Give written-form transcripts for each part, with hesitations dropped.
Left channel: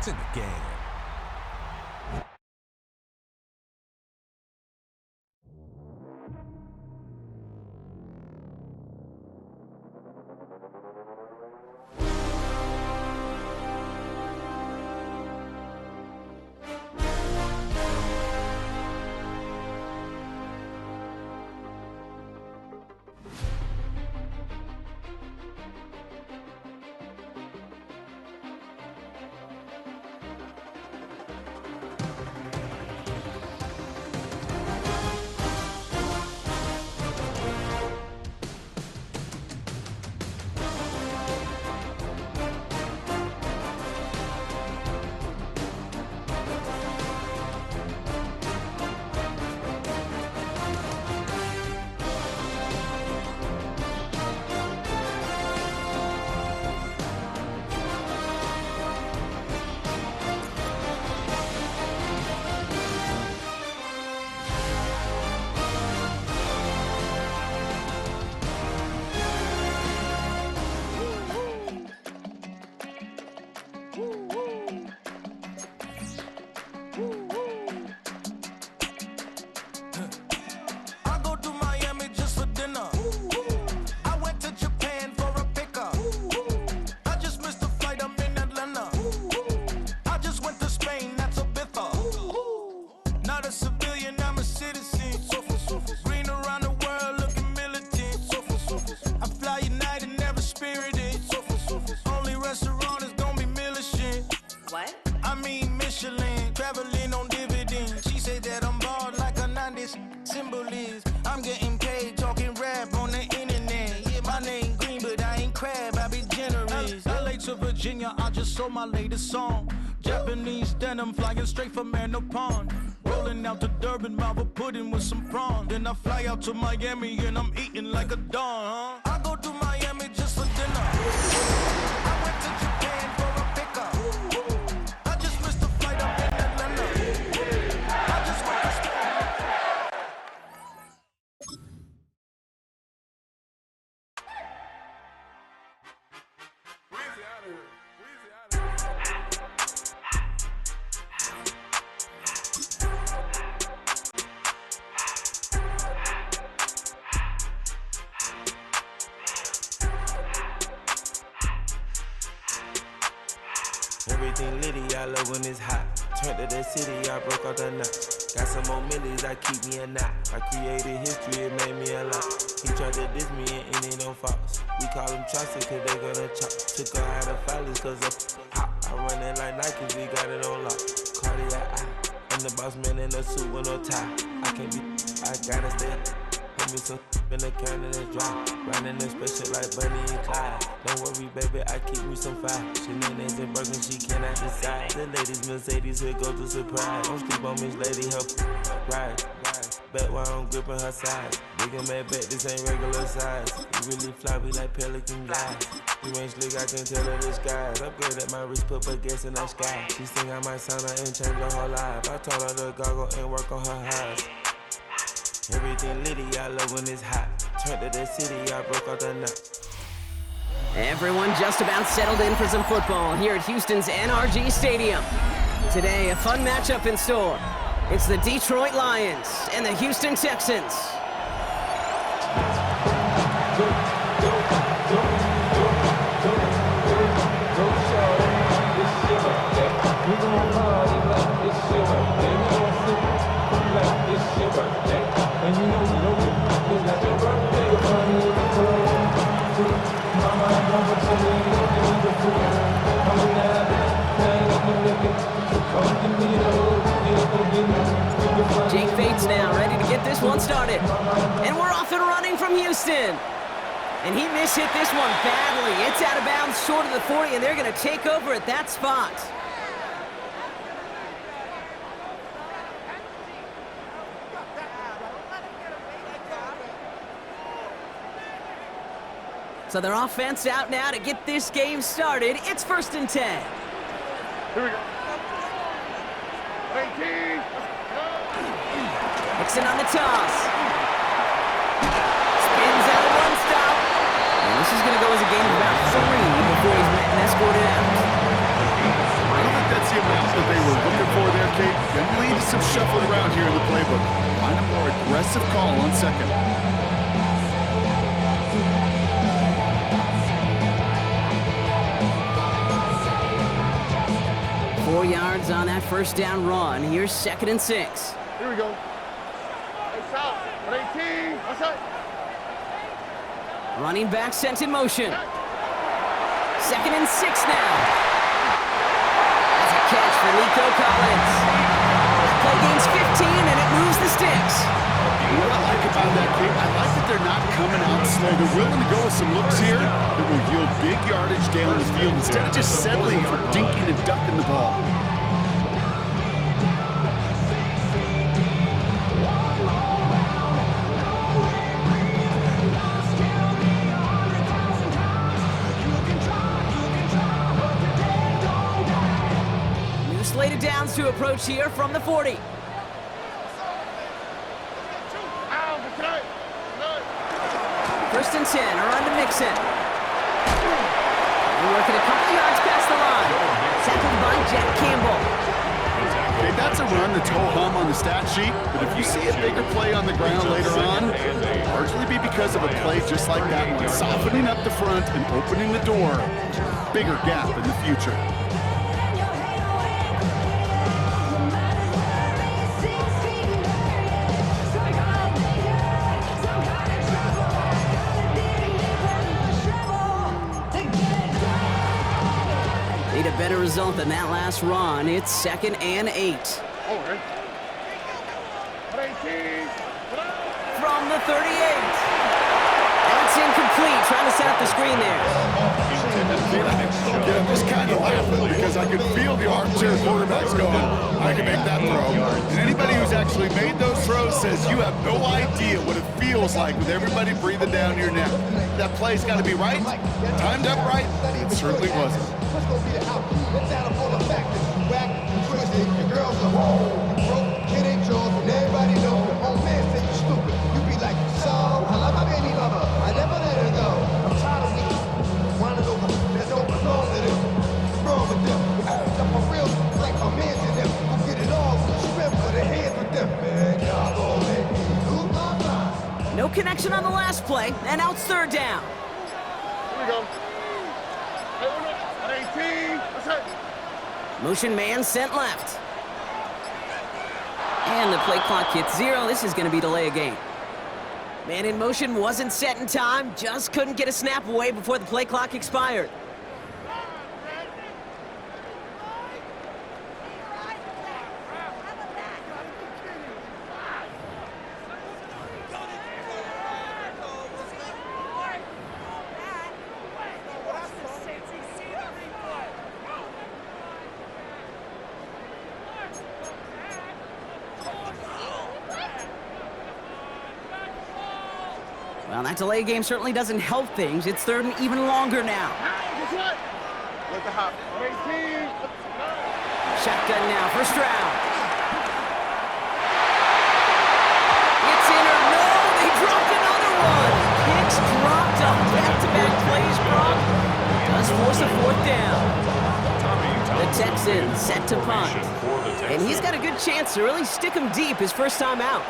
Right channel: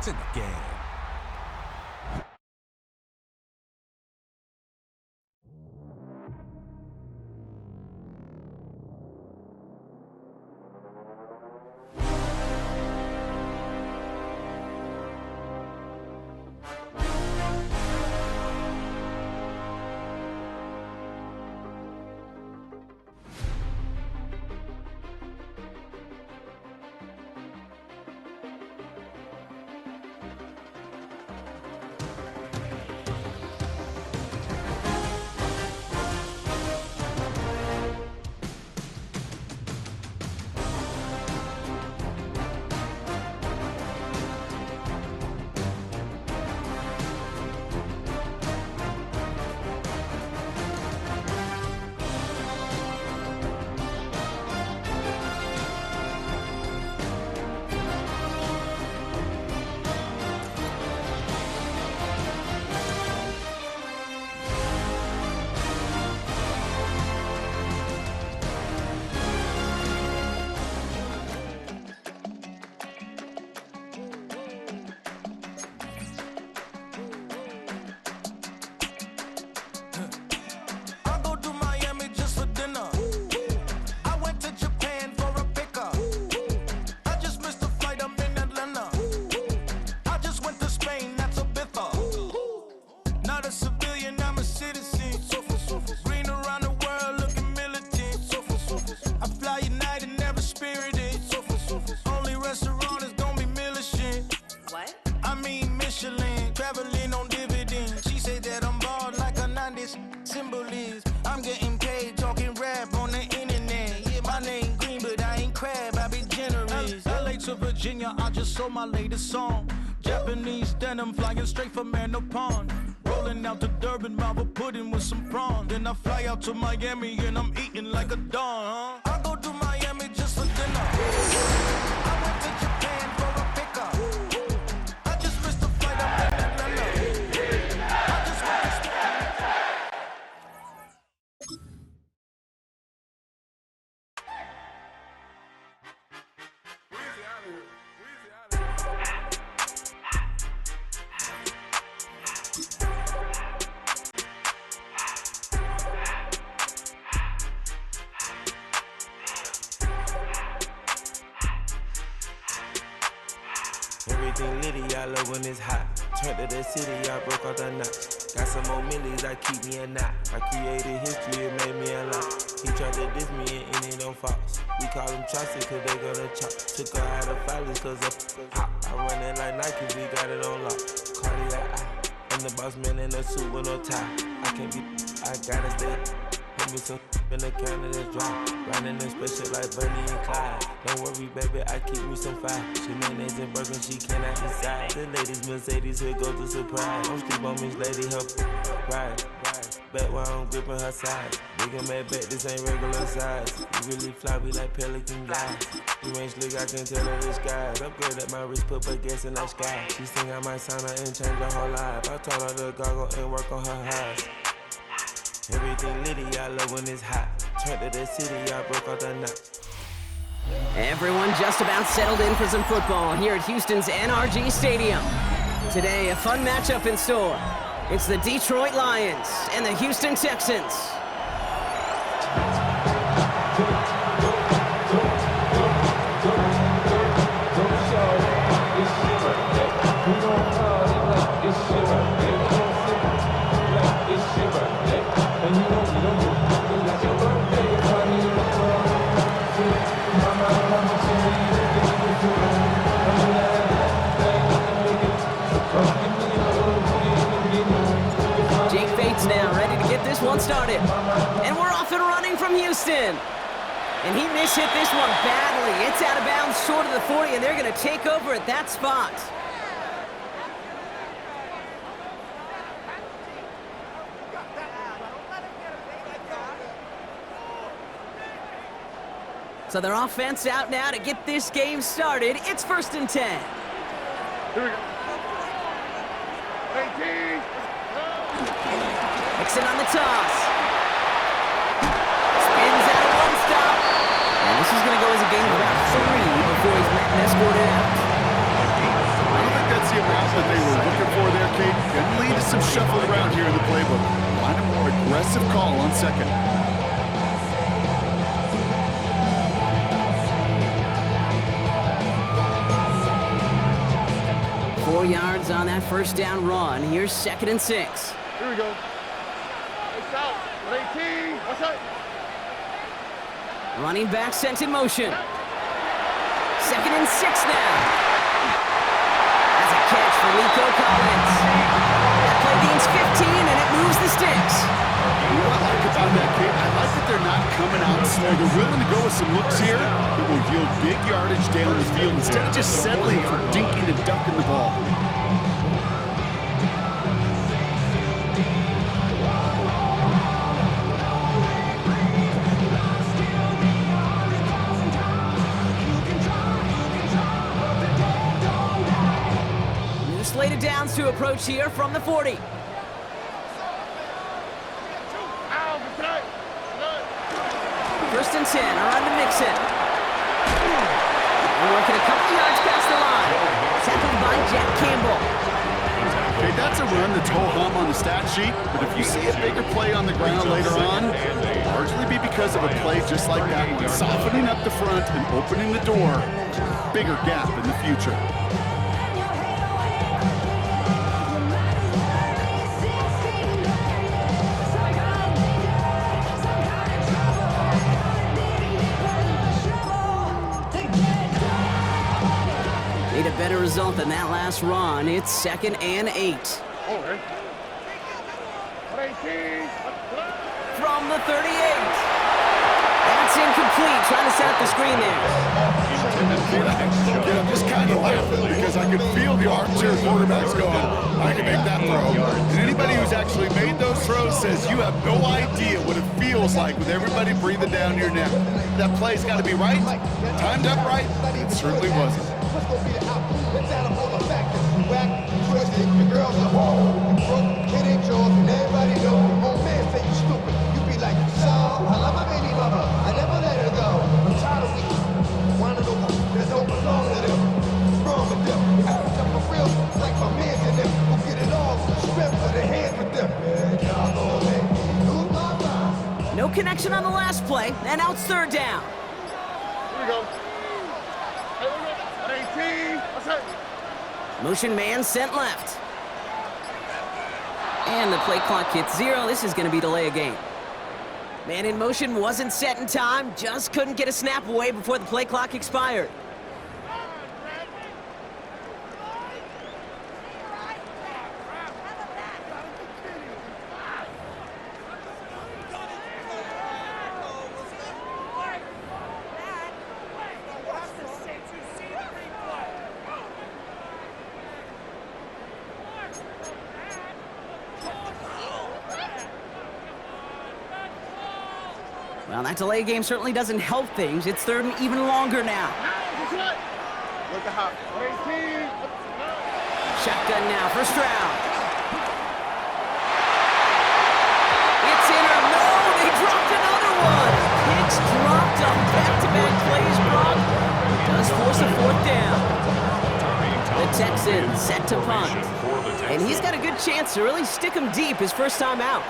It's in the game. I'm getting paid talking rap on the internet. Yeah, my name green, but I ain't crab, I be generous. LA to Virginia, I just sold my latest song. Japanese denim flying straight from Pond. Rolling out to Durban, mouth a pudding with some prawn. Then I fly out to Miami and I'm eating like a don, huh? I go to Miami just for dinner. I went to Japan for a pickup. I just missed the flight, I'm in Atlanta. I just went to Spain. Everything litty, I love when it's hot. Turned to the city, I broke out the knot. Got some more millies, I keep me a knot. I created history, it made me a lot. He tried to diss me and it don't false. We call them chopsticks cause they gonna chop. Took her out of filers cause of hot. I run it like Nike, we got it on lock. Cardiac eye, I'm the boss man in a suit with no tie. I can't be, I gotta stay. Put me some in the can of that's dry. Riding this special like Bunny and Clyde. Don't worry, baby, I keep me some fire. Shenanigans and Birkin, she cannot decide. The ladies, Mercedes, here go to surprise. Don't sleep on Miss Lady, help ride. Back while I'm gripping her side. Big and mad back, this ain't regular size. We really fly, we like pelican guys. You ain't slick, I can tell her the skies. Upgrade at my wrist, put baguettes in the sky. She think I might sign her and change her whole life. I told her to goggle and work on her highs. Everything litty, I love when it's hot. Turned to the city, I broke out the knot. Everyone just about settled in for some football here at Houston's NRG Stadium. Today, a fun matchup in store. It's the Detroit Lions and the Houston Texans. And you know you don't do it like your birthday, your party in the club. Mama, I got what you need, give me the food. I'm gonna have that thing in the wicked. Come give me a hug, yeah, Jake Fates now, ready to get this one started. And we're off and running from Houston. And he mishit this one badly. It's out of bounds short of the 40, and they're gonna take over at that spot. So their offense out now to get this game started. It's 1st and 10. Here we go. 18. Mixon on the toss. Spins out of one stop. And this is going to go as a gain of about 3 before he's met and escorted out. I don't think that's the amount that they were looking for there, Kate. Gonna lead to some shuffle around here in the playbook. Find a more aggressive call on second. 4 yards on that first down run. Here's 2nd and 6. Here we go. It's out. 18. What's up? Running back sent in motion. 2nd and 6 now. That's a catch for Nico Collins. That play gains 15, and it moves the sticks. What I like about that, Kate, I like that they're not coming out slow. They're willing to go with some looks here that will yield big yardage down the field instead of just settling for dinking and ducking the ball. New slated downs to approach here from the 40. First and 10, around to Mixon. We're working a couple yards past the line. Tackled by Jack Campbell. Okay, that's a run that's ho-hum on the stat sheet, but if you see a bigger play on the ground later on, it'll largely be because of a play just like that one, softening up the front and opening the door to a bigger gap in the future. Need a better result than that last run. It's 2nd and 8. From the 38. That's incomplete. Trying to set up the screen there. I'm just kind of laughing because I could feel the armchair quarterbacks going, I can make that throw. And anybody who's actually made those throws says you have no idea what it feels like with everybody breathing down your neck. That play's got to be right, timed up right, and it certainly wasn't. What's gonna be the outcome? Let's add up all the factors. You whack, you twisted, your girl's a hoe. You broke, kid ain't yours, and everybody knows. Your own man say you stupid. You be like, so, I love my baby mama. I never let her go. I'm tired of weak. Winding over, that don't belong to them. What's wrong with them? Up for real, like my man to them. Who get it all, strip for the hands with them. Man, y'all gonna make me lose my mind. No connection on the last play, and now it's 3rd down. Here we go. 18. What's up? Motion man sent left. And the play clock hits 0. This is going to be delay a game. Man in motion wasn't set in time. Just couldn't get a snap away before the play clock expired. Well, that delay game certainly doesn't help things. It's 3rd and even longer now. With the hop. 18. Shotgun now, first round. It's in or no, they dropped another one. Picks dropped on back-to-back plays, Brock. Does force a 4th down. The Texans set to punt. And he's got a good chance to really stick him deep his first time out.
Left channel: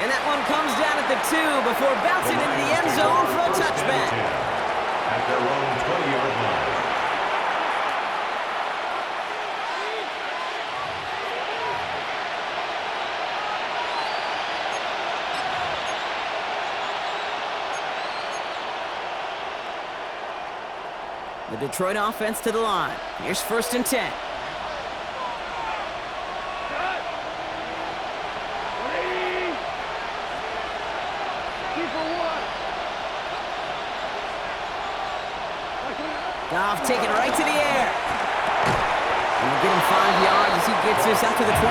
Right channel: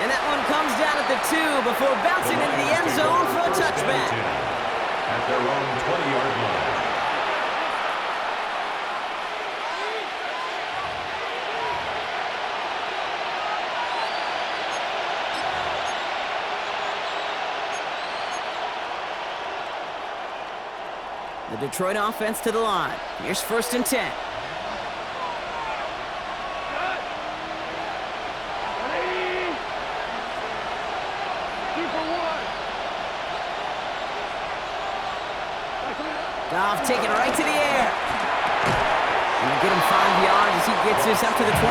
And that one comes down at the 2 before bouncing into the end zone for a touchback. At their own 20-yard line. The Detroit offense to the line. Here's 1st and 10. Goff taking it right to the air. And they'll get him 5 yards as he gets this up to the 25.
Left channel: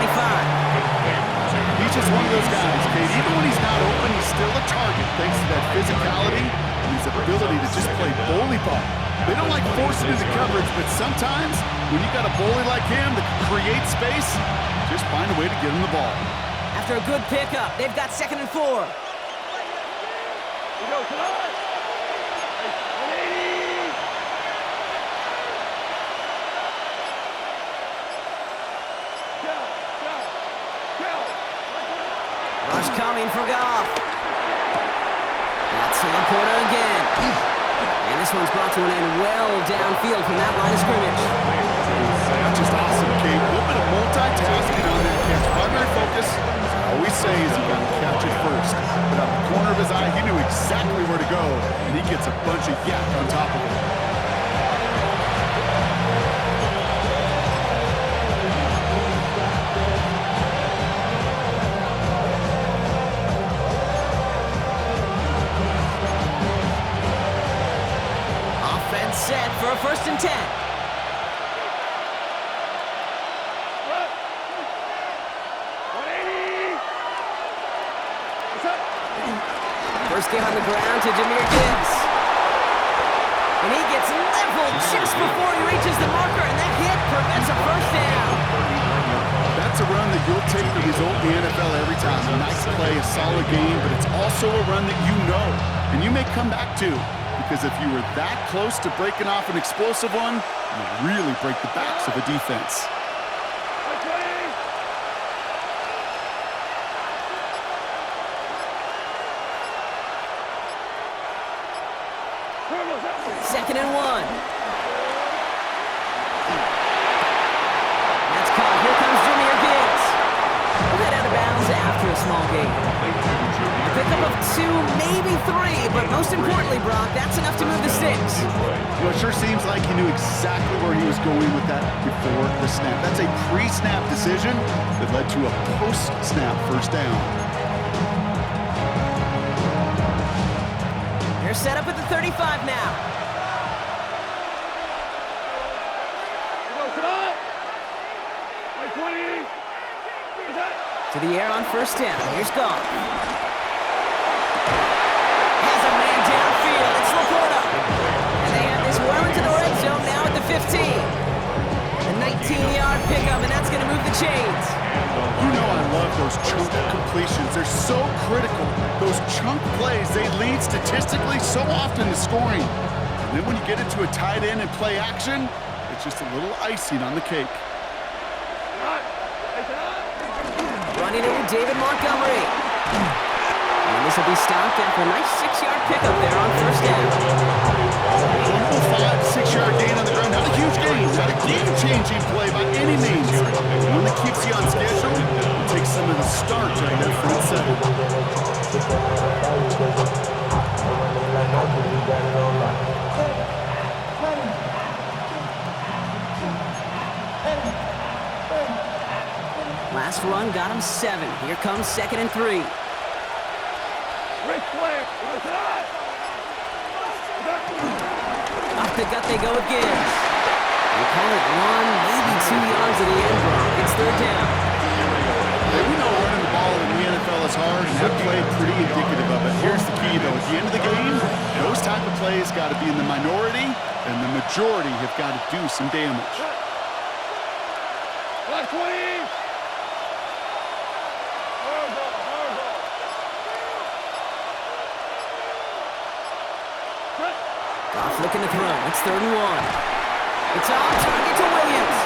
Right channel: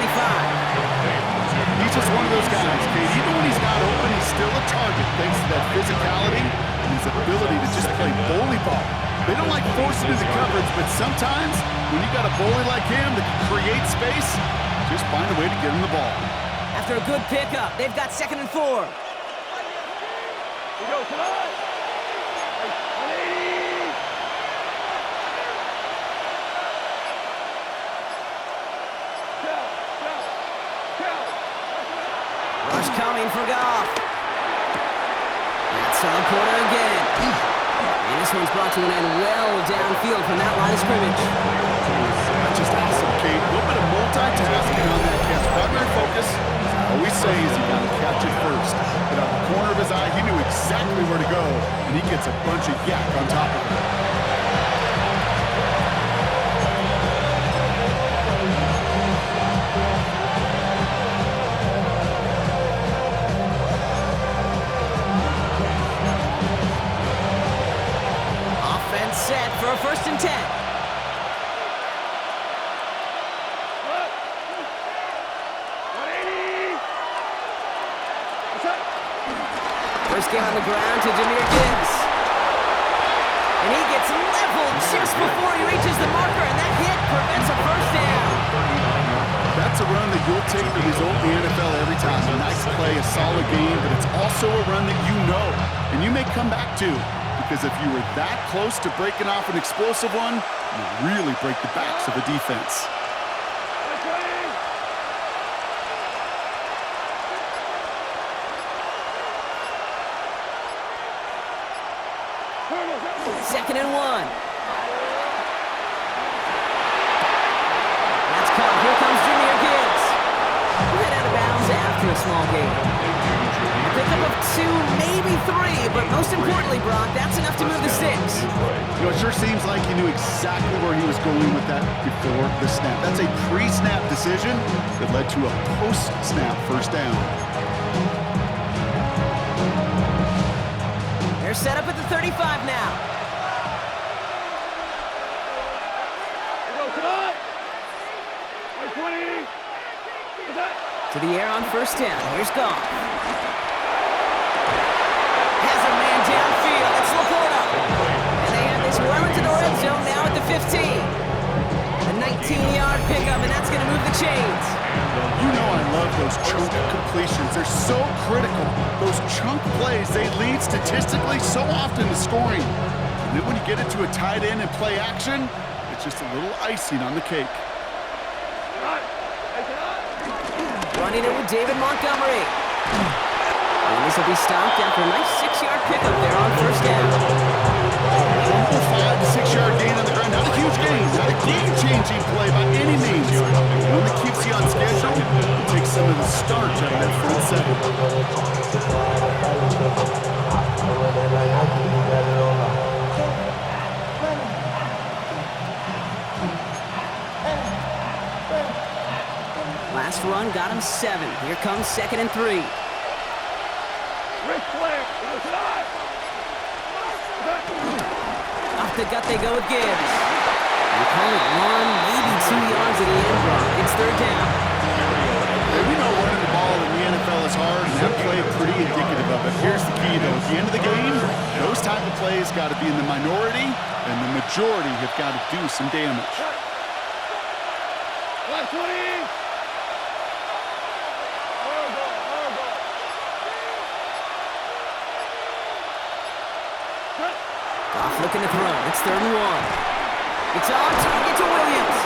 He's just one of those guys, Kate. Even when he's not open, he's still a target thanks to that physicality and his ability to just play bully ball. They don't like forcing into coverage, but sometimes when you got a bully like him that can create space, just find a way to get him the ball. After a good pickup, they've got 2nd and 4. We go, come on! Hey, 180! Go! Rush coming for Goff. That's to Laporta again. And this one's brought to an end well downfield from that line of scrimmage. That's just awesome, Kate. A little bit of multitasking on that catch. Primary focus, as I always say, is you got to catch it first. But out the corner of his eye, he knew exactly where to go, and he gets a bunch of yak on top of it. Offense set for a 1st and 10. First game on the ground to Jahmyr Gibbs. And he gets leveled just before he reaches the marker, and that hit prevents a 1st down. That's a run that you'll take the result in the NFL every time. A nice play, a solid game, but it's also a run that you know, and you may come back to, because if you were that close to breaking off an explosive one, you really break the backs of a defense. Second and 1. That's caught. Here comes Jahmyr Gibbs. We'll head out of bounds after a small gain. A pickup of 2, maybe 3, but most importantly, Brock, that's enough to move the sticks. You know, it sure seems like he knew exactly where he was going with that before the snap. That's a pre-snap decision that led to a post-snap 1st down. They're set up at the 35 now. To the air on 1st down. Here's Goff. Has a man downfield. It's Laporta. And they have this well into the red zone now at the 15. A 19-yard pickup, and that's going to move the chains. You know I love those chunk completions. They're so critical. Those chunk plays, they lead statistically so often to scoring. And then when you get it to a tight end and play action, it's just a little icing on the cake. Running it with David Montgomery. And this will be stopped after a nice 6-yard pickup there on 1st down. Humble 5 to 6-yard gain on the ground. Not a huge gain, not a game-changing play by any means. One that keeps you on schedule and takes some of the starch out of that front seven. Last run got him 7. Here comes 2nd and 3. Ric Flair, Off the gut they go with Gibbs. They call it 1, maybe 2 yards at the end, Brock. It's 3rd down. Hey, we know running the ball in the NFL is hard, and that play is pretty indicative of it. Here's the key, though. At the end of the game, those type of plays got to be in the minority, and the majority have got to do some damage. 120! Goff looking to throw. It's 3rd and 1. It's on target to Williams.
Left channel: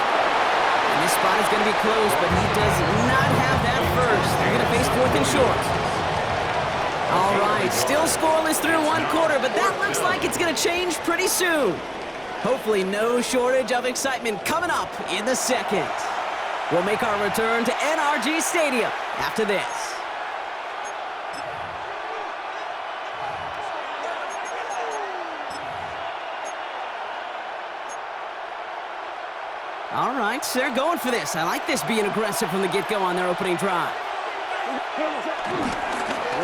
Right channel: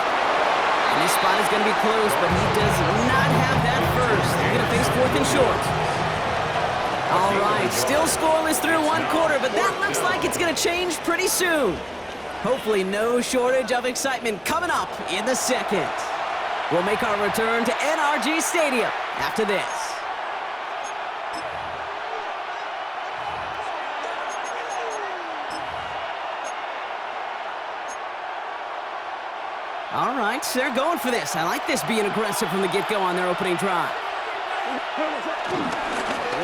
And this spot is going to be close, but he does not have that first. They're going to face 4th and short. All right, still scoreless through 1 quarter, but that looks like it's going to change pretty soon. Hopefully no shortage of excitement coming up in the 2nd. We'll make our return to NRG Stadium after this. All right, so they're going for this. I like this being aggressive from the get-go on their opening drive. Here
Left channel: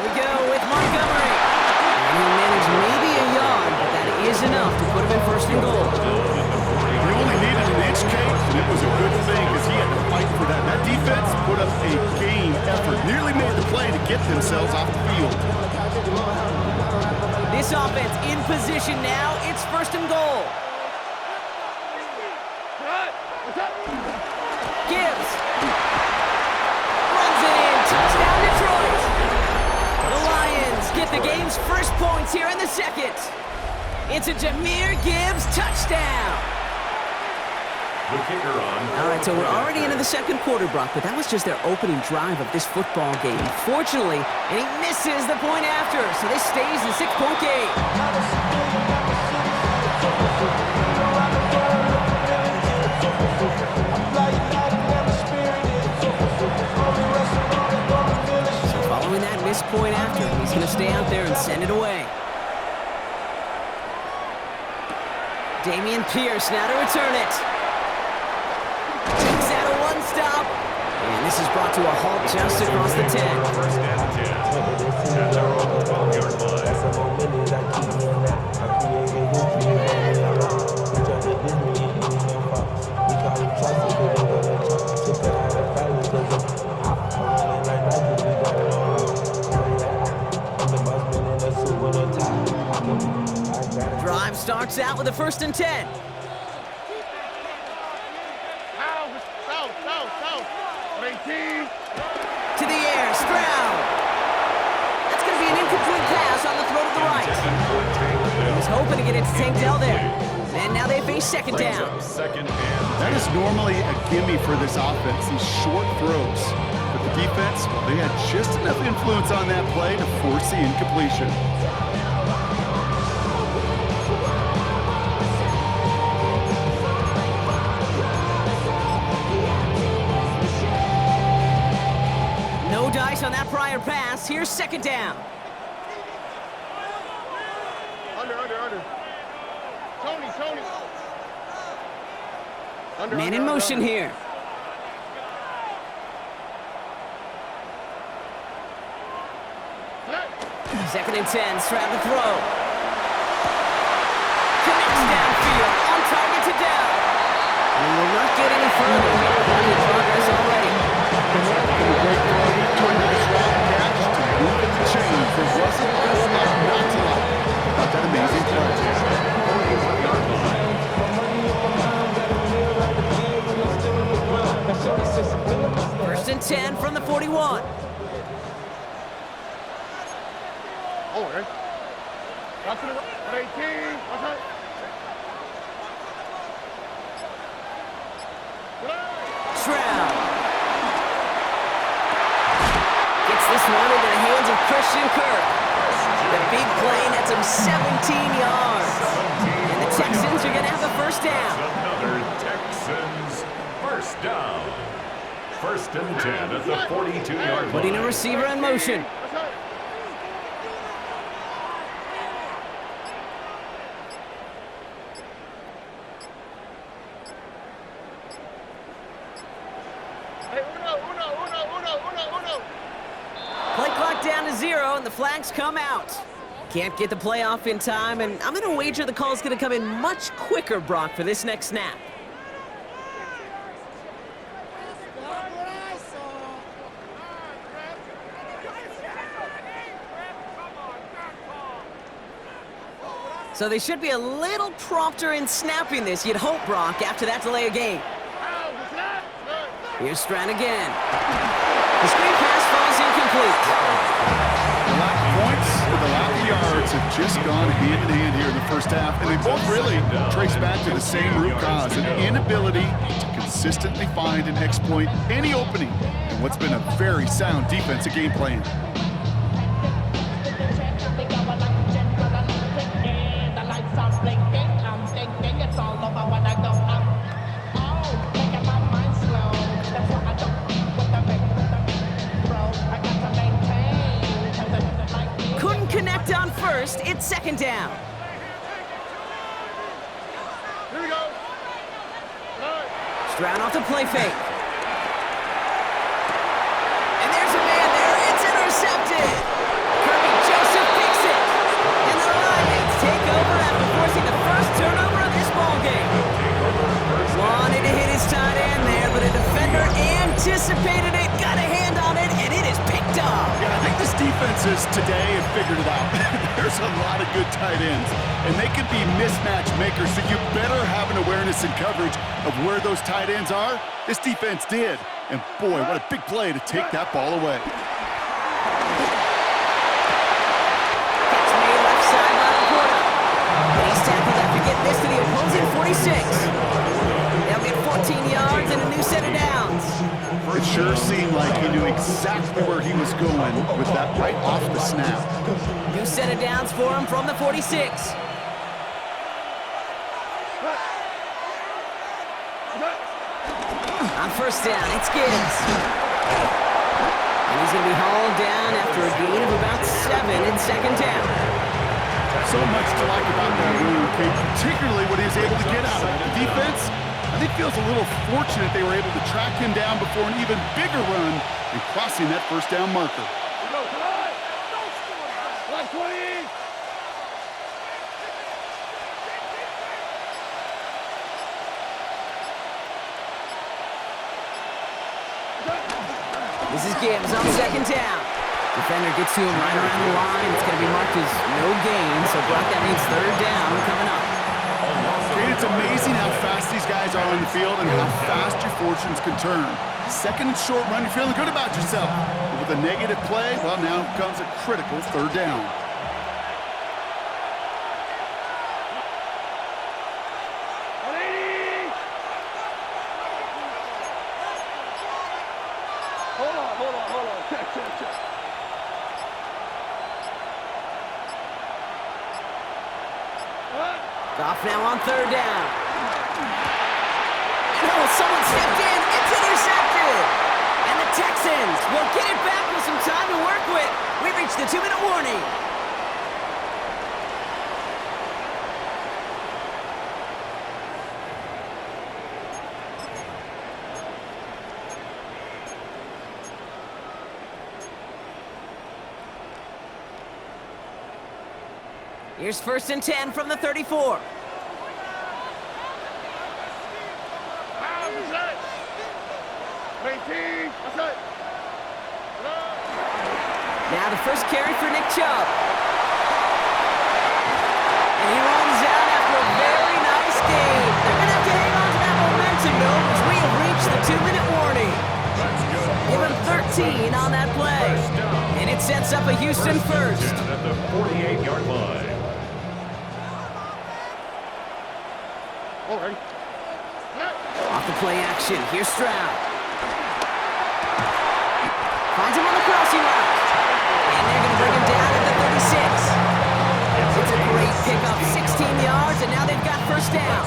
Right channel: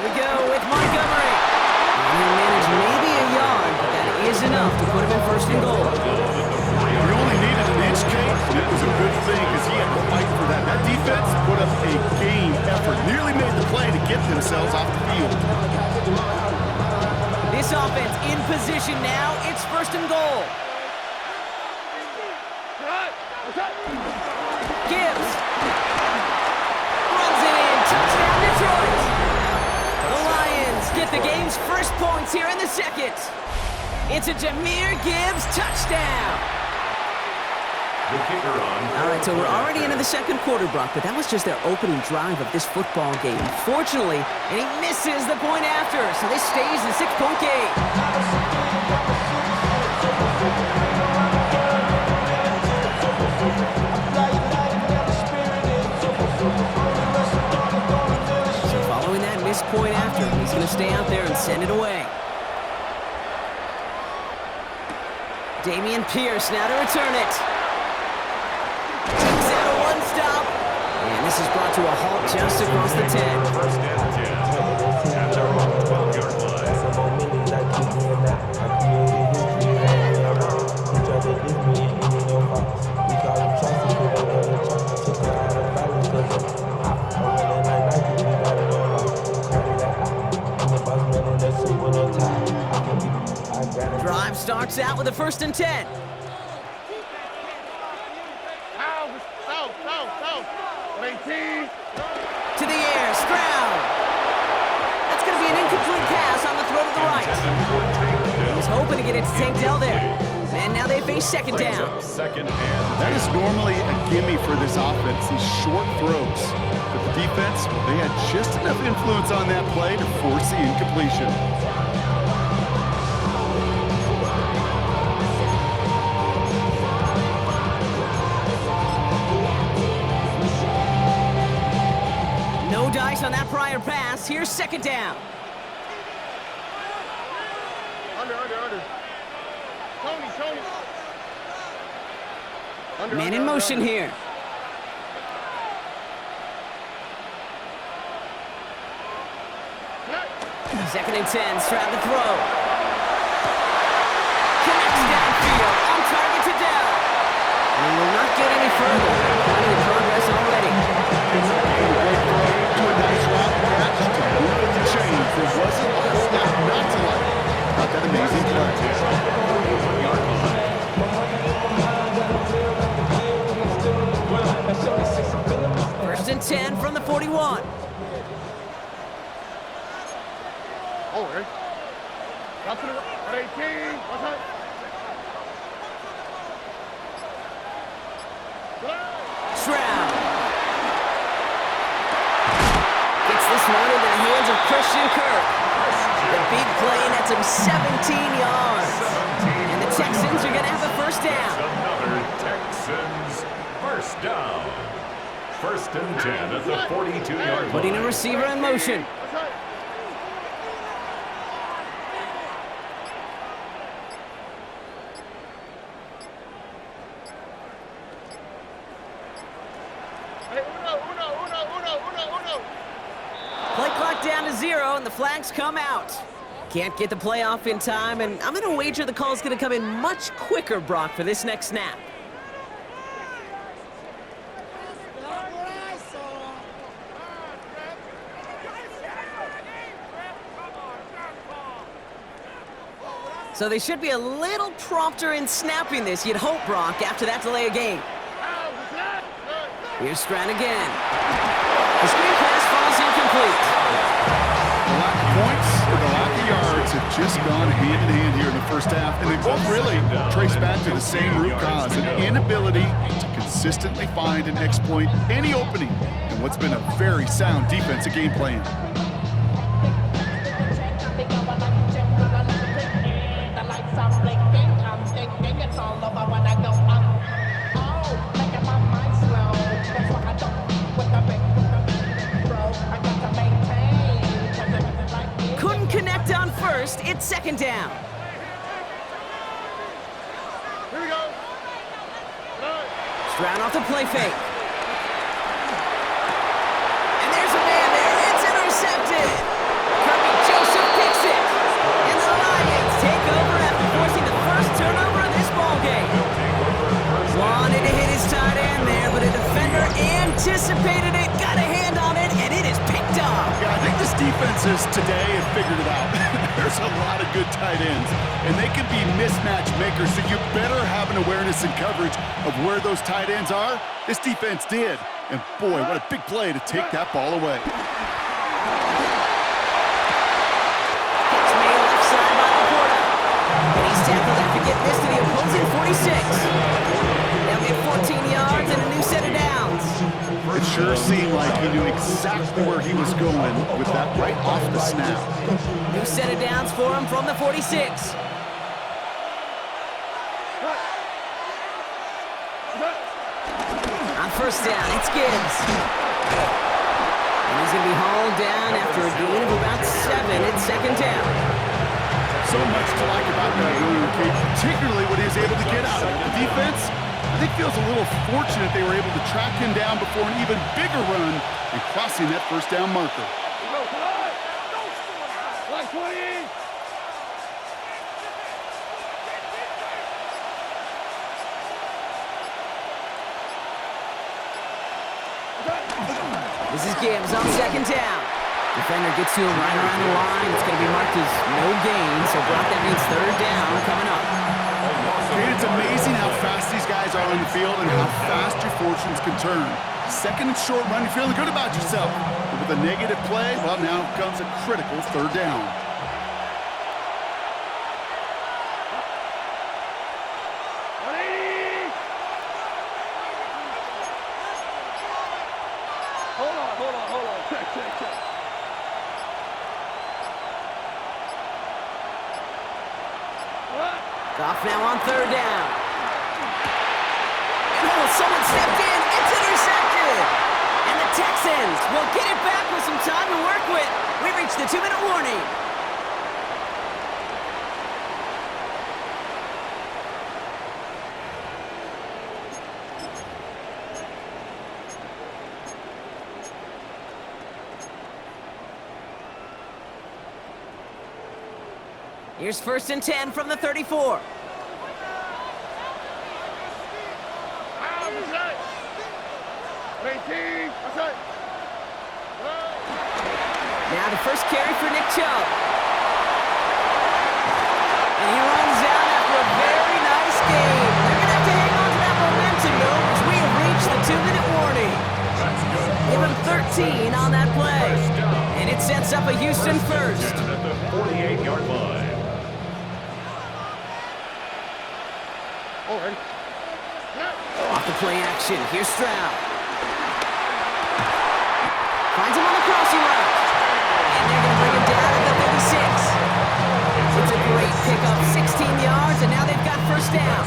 we go with Montgomery. And he'll manage maybe a yard, but that is enough to put him in 1st and goal. He only needed an inch, Kate, and it was a good thing because he had to fight for that. That defense put up a game effort, nearly made the play to get themselves off the field. This this offense in position now. It's 1st and goal. Gibbs runs it in. Touchdown, Detroit. The Lions get the game's first points here in the second. It's a Jahmyr Gibbs touchdown. The kicker on. All right, so we're already into the second quarter, Brock, but that was just their opening drive of this football game. Fortunately, and he misses the point after, so this stays a 6-point game. So following that missed point after, he's going to stay out there and send it away. Damian Pierce now to return it. Takes out a one-stop. And this is brought to a halt just across the 10. 1st and 10. At their own 12-yard line. Got some more millions that keep me in that. I created history and made me a lot. He tried to diss me and ain't no fox. We call him Tracy cause they got a chop. Took her out of balance cause I'm hot. I run it like Nike, we got it on lock. Cardiac, I'm the boss man in the suit with no tie. I can be, I got it. Drive starts out with a 1st and 10. South. 18. To the air, Stroud. That's going to be an incomplete pass on the throw to the right. He's hoping to get it to Tank Dell there. And now they face 2nd down. Second and That is normally a gimme for this offense, these short throws. But the defense, well, they had just enough influence on that play to force the incompletion. No dice on that prior pass. Here's 2nd down. Under. Tony. Man in motion here. Second and 10, Stroud to throw. Connects downfield, on target to Dell. And he will not get any further. Plenty of progress already. Great throw to a nice route catch to move in the chains. There wasn't a whole lot not to like about that amazing play. 41-yard line. First and 10 from the 41. Oh, right. Got to the right. 18. What's that? Stroud. Gets this one into the hands of Christian Kirk. The big play nets him 17 yards. And the Texans are going to have a 1st down. Another Texans 1st down. 1st and 10 at the 42-yard line. Putting a receiver in motion. What's that? Hey, uno. Play clock down to 0, and the flags come out. Can't get the play off in time, and I'm going to wager the call's going to come in much quicker, Brock, for this next snap. So they should be a little prompter in snapping this, you'd hope, Brock, after that delay of game. Here's Stroud again. The screen pass falls incomplete. The lack of points and the lack of yards have just gone hand in hand here in the 1st half, and they both really trace back to the same root cause, an inability to consistently find and exploit any opening in what's been a very sound defensive game plan. Couldn't connect on 1st. It's 2nd down. Here we go. Stroud off the play fake. And there's a man there. It's intercepted. Kirby Joseph picks it. And the Lions take over after forcing the 1st turnover of this ballgame. Wanted to hit his tight end there, but a defender anticipated it, got a hand on it, and it is picked up. Yeah, I think this defenses today have figured it out. There's a lot of good tight ends, and they can be mismatch makers, so you better have an awareness and coverage of where those tight ends are. This defense did, and boy, what a big play to take that ball away. Catch made left side by Laporta. And he's tackled after getting this to the opposing 46. They'll get 14 yards and a new set of downs. It sure seemed like he knew exactly where he was going with that right off the snap. New set of downs for him from the 46. On first down, it's Gibbs. And he's going to be hauled down after a gain of about 7 in second down. So much to like about that run, Kate, particularly what he was able to get out of it. The defense, I think, feels a little fortunate they were able to track him down before an even bigger run and crossing that first down marker. Like 20! This is Gibbs on second down. Defender gets to him right around the line. It's going to be marked as no gain, so Brock, that means third down coming up. Kate, it's amazing how fast these guys are on the field and how fast your fortunes can turn. Second and short run, you're feeling good about yourself. But with a negative play, well, now comes a critical third down. Hold on. Check. Goff now on third down. Oh, someone stepped in. It's intercepted. And the Texans will get it back with some time to work with. We reached the 2-minute warning. Here's first and 10 from the 34. Now the first carry for Nick Chubb. And he runs out after a very nice game. They're going to have to hang on to that momentum, though, as we have reached the 2-minute warning. Give him 13 on that play. And it sets up a Houston first. At the 48-yard line. Alright. Off the play action, here's Stroud. Finds him on the crossing route. And they're going to bring him down at the 36. It's a great pickup, 16 yards, and now they've got first down.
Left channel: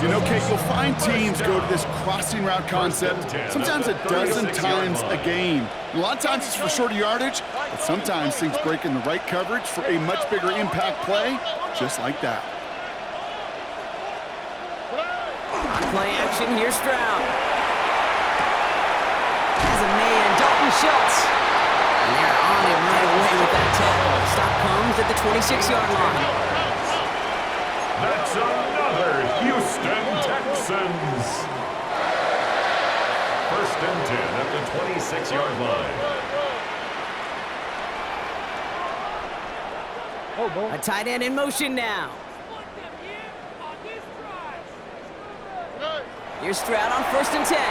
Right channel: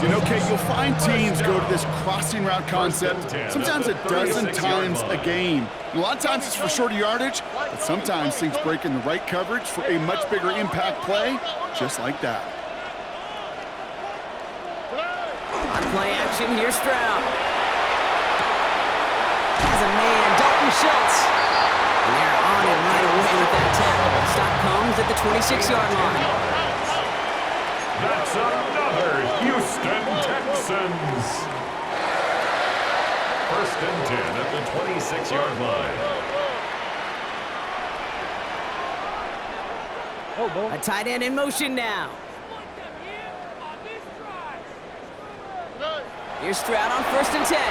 You know, Kate, you'll find teams go to this crossing route concept sometimes a dozen times a game. And a lot of times it's for shorter yardage, but sometimes things break in the right coverage for a much bigger impact play, just like that. On play action, here's Stroud. Has a man, Dalton Schultz. And they're on him right away with that tackle. The stop comes at the 26-yard line. That's another Houston Texans. First and 10 at the 26-yard line. A tight end in motion now. Here's Stroud on first and 10. And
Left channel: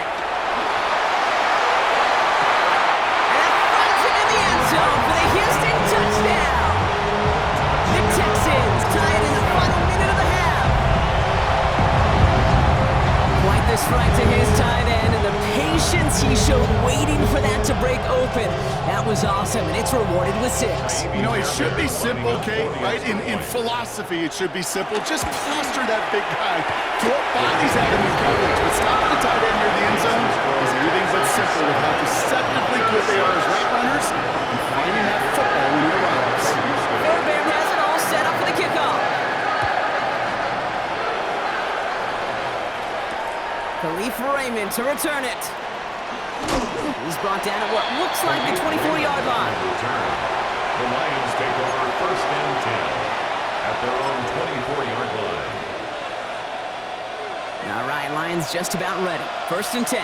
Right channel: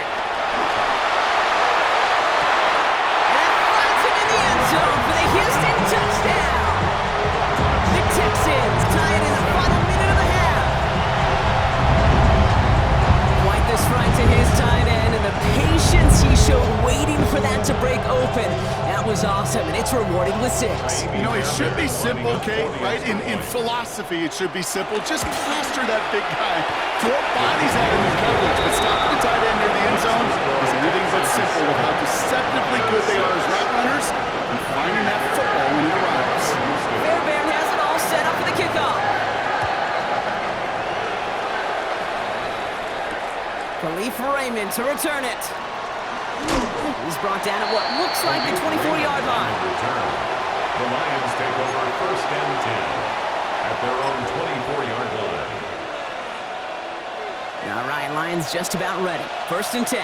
that finds him in the end zone for the Houston touchdown. The Texans tie it in the final minute of the half. Quite the strike to his tight end, and the patience he showed waiting for that to break open. That was awesome, and it's rewarded with 6. You know, it should be simple, Kate, right? In philosophy, it should be simple. Just plaster that big guy. Throw bodies at him in coverage, but stopping the tight end near the end zone is anything but simple with how deceptively good they are as route runners and finding that football when it arrives. Fairbairn has it all set up for the kickoff. Khalif Raymond to return it. He's brought down at what looks like the 24-yard line. The Lions take over first and 10 at their own 24-yard line. All right, Lions just about ready. First and 10.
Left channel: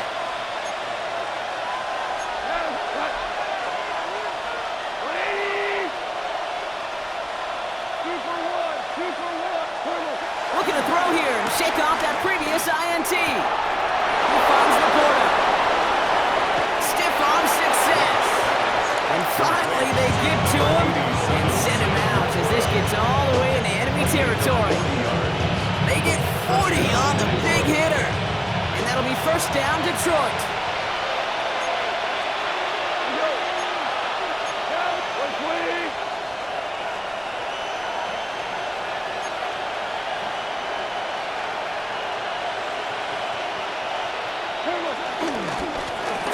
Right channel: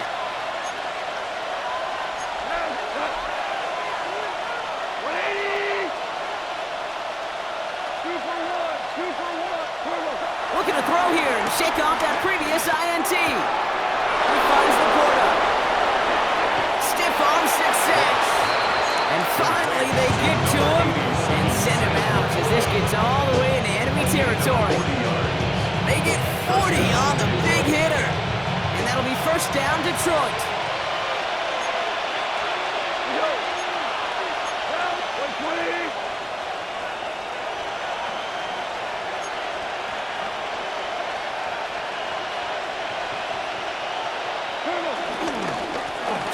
Looking to throw here and shake off that previous INT. He finds Laporta. Stiff arm success. And finally they get to him and send him out as this gets all the way into enemy territory. They get 40 on the big hitter. And that'll be first down, Detroit.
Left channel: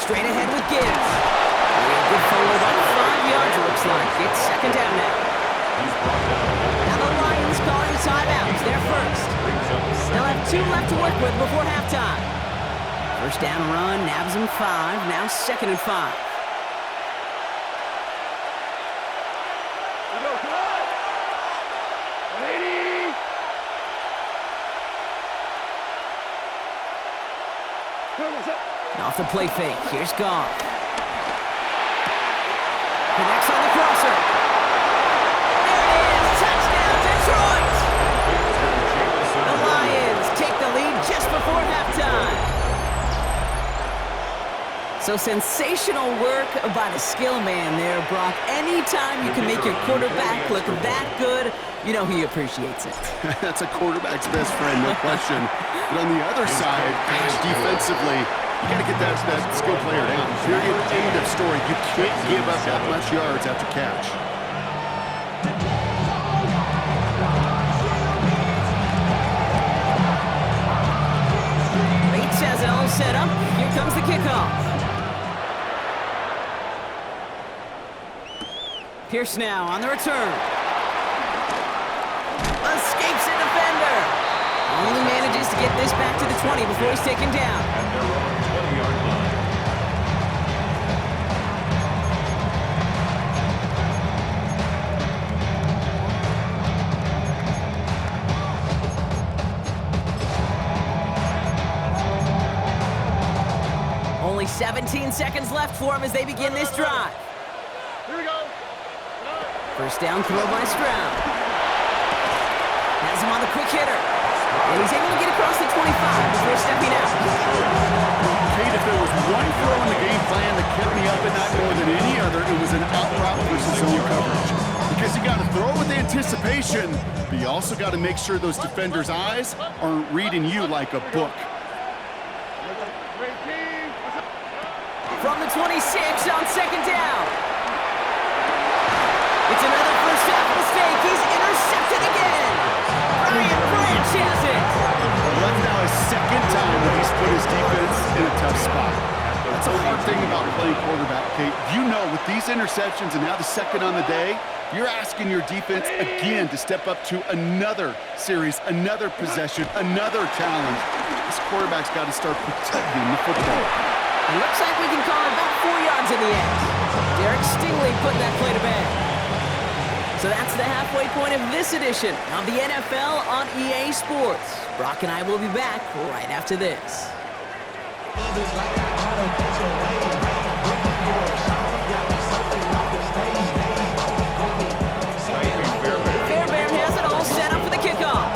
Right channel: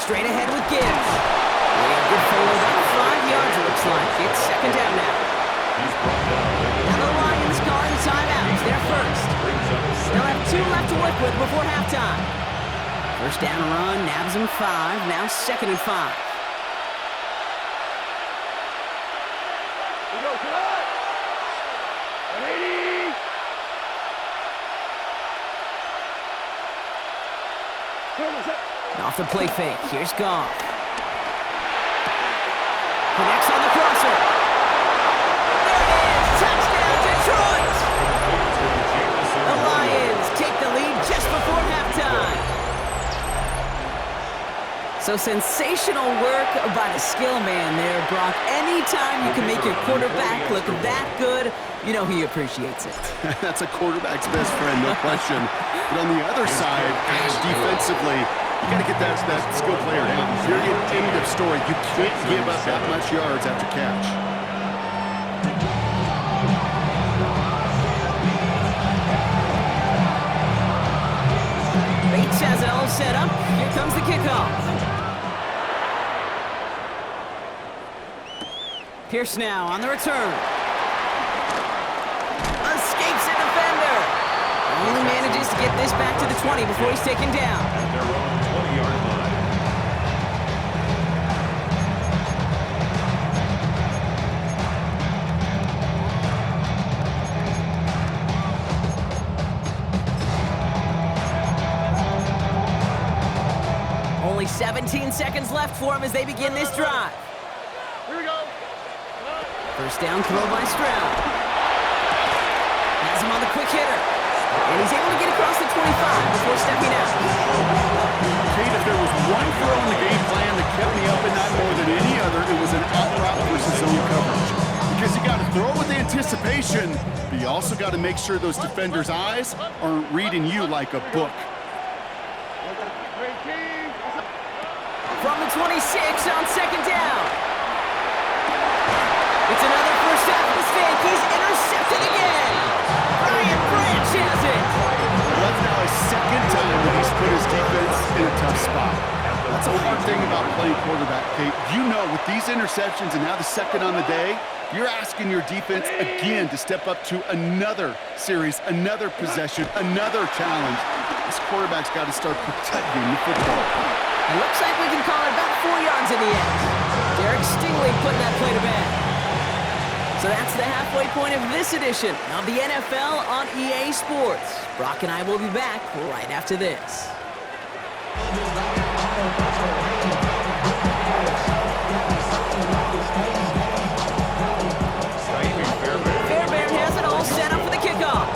Straight ahead with Gibbs. A good forward about 5 yards, it looks like. It's second down now. He's brought down. Now the Lions calling a timeout. They're first. They'll have 2 left to work with before halftime. First down run, nabs him 5. Now second and 5. We go, come on! 180! Come on, set. Off the play fake, here's Goff. Connects on the crosser. There it is, touchdown Detroit! The Lions take the lead just before halftime. So sensational work by the skill man there, Brock. Anytime you can make your quarterback look that good, you know he appreciates it. That's a quarterback's best friend, no question. But on the other side, gosh, defensively, you got to get that skill player down. Period, end of story. You can't give up that much yards after catch. Bates has it all set up. Here comes the kickoff. Pierce now on the return. Escapes a defender. Only manages to get this back to the 20 before he's taken down. At their own 20-yard line. Only 17 seconds left for him as they begin this drive. Here we go. First down throw by Stroud. Has him on the quick hitter. And he's able to get across the 25 before stepping out. Kate, if there was one throw in the game plan that kept me up at night more than any other, it was an out route versus zone coverage. Because you got to throw with anticipation, but you also got to make sure those defenders' eyes aren't reading you like a book. From the 26 on second down. It's another first half mistake. He's intercepted again. Brian Branch has it. Well, that's now his second time that he's put his defense in a tough spot. That's a hard thing about playing quarterback, Kate. You know, with these interceptions and now the second on the day, you're asking your defense again to step up to another series, another possession, another challenge. This quarterback's got to start protecting the football. It looks like we can call it about 4 yards in the end. Derek Stingley putting that play to bed. So that's the halfway point of this edition of the NFL on EA Sports. Brock and I will be back right after this. Fairbairn has it all set up for the kickoff.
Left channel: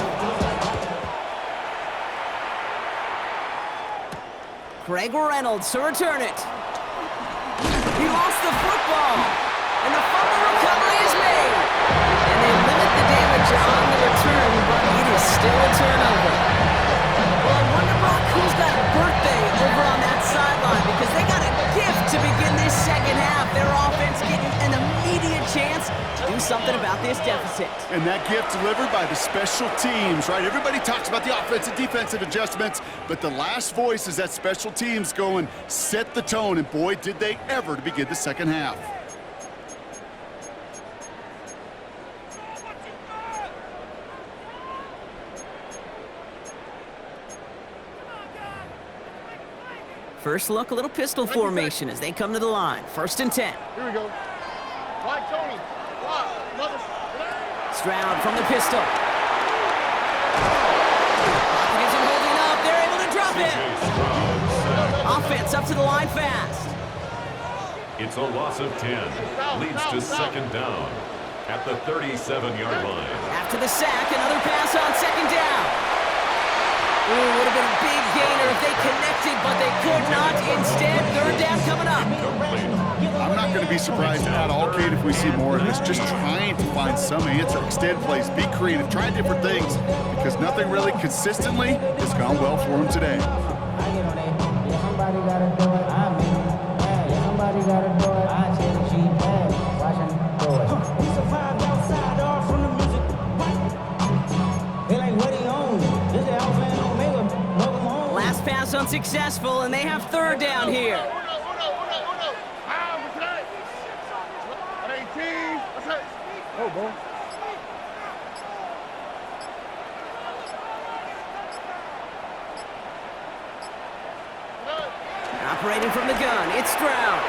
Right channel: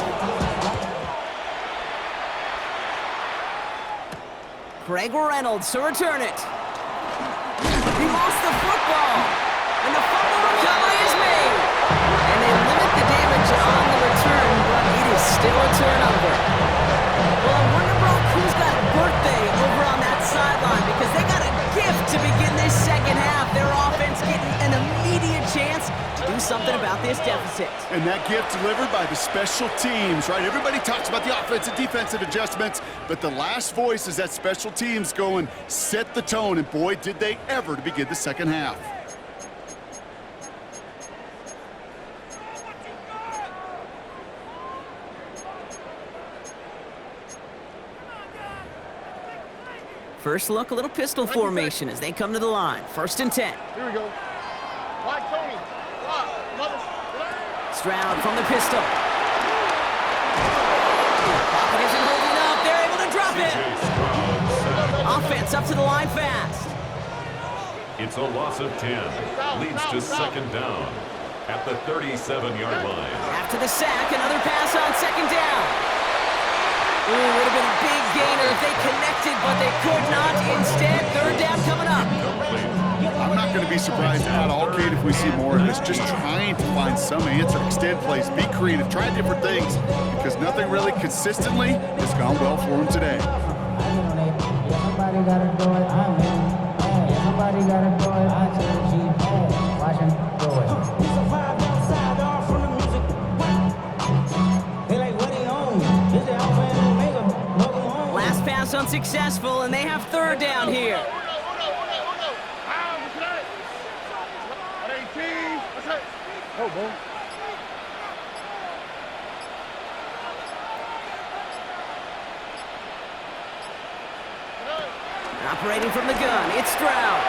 Craig Reynolds to return it. He lost the football, and the fumble recovery is made. And they limit the damage on the return, but it is still a turnover. Well, I wonder, Brock, who's got a birthday over on that sideline, because they got a gift to begin this second half. Their offense getting an immediate chance to do something about this deficit. And that gift delivered by the special teams, right? Everybody talks about the offensive, defensive adjustments, but the last voice is that special teams going, set the tone, and boy, did they ever to begin the second half. First look, a little pistol formation as they come to the line. First and 10. Here we go. Wide Tony. Block. Mother. Stroud from the pistol. Pocket isn't holding up. They're able to drop it. Offense up to the line fast. It's a loss of 10. Leads to second down. at the 37-yard line. After the sack, another pass on second down. Ooh, would have been a big gainer if they connected, but they could not. Instead, third down coming up. I'm not going to be surprised at all, Kate, if we see more of this. Just trying to find some answer, extend plays, be creative, try different things, because nothing really consistently has gone well for him today. I get on it. Yeah, somebody gotta do it. I'm in. Hey, yeah, somebody gotta do it. I take the G. Hey, watch him do it. We survived outside, all from the music. What? They like, what he own? This the Alpha and Omega. Welcome home. Last pass unsuccessful, and they have third down here. Oh, boy. Operating from the gun, it's Stroud.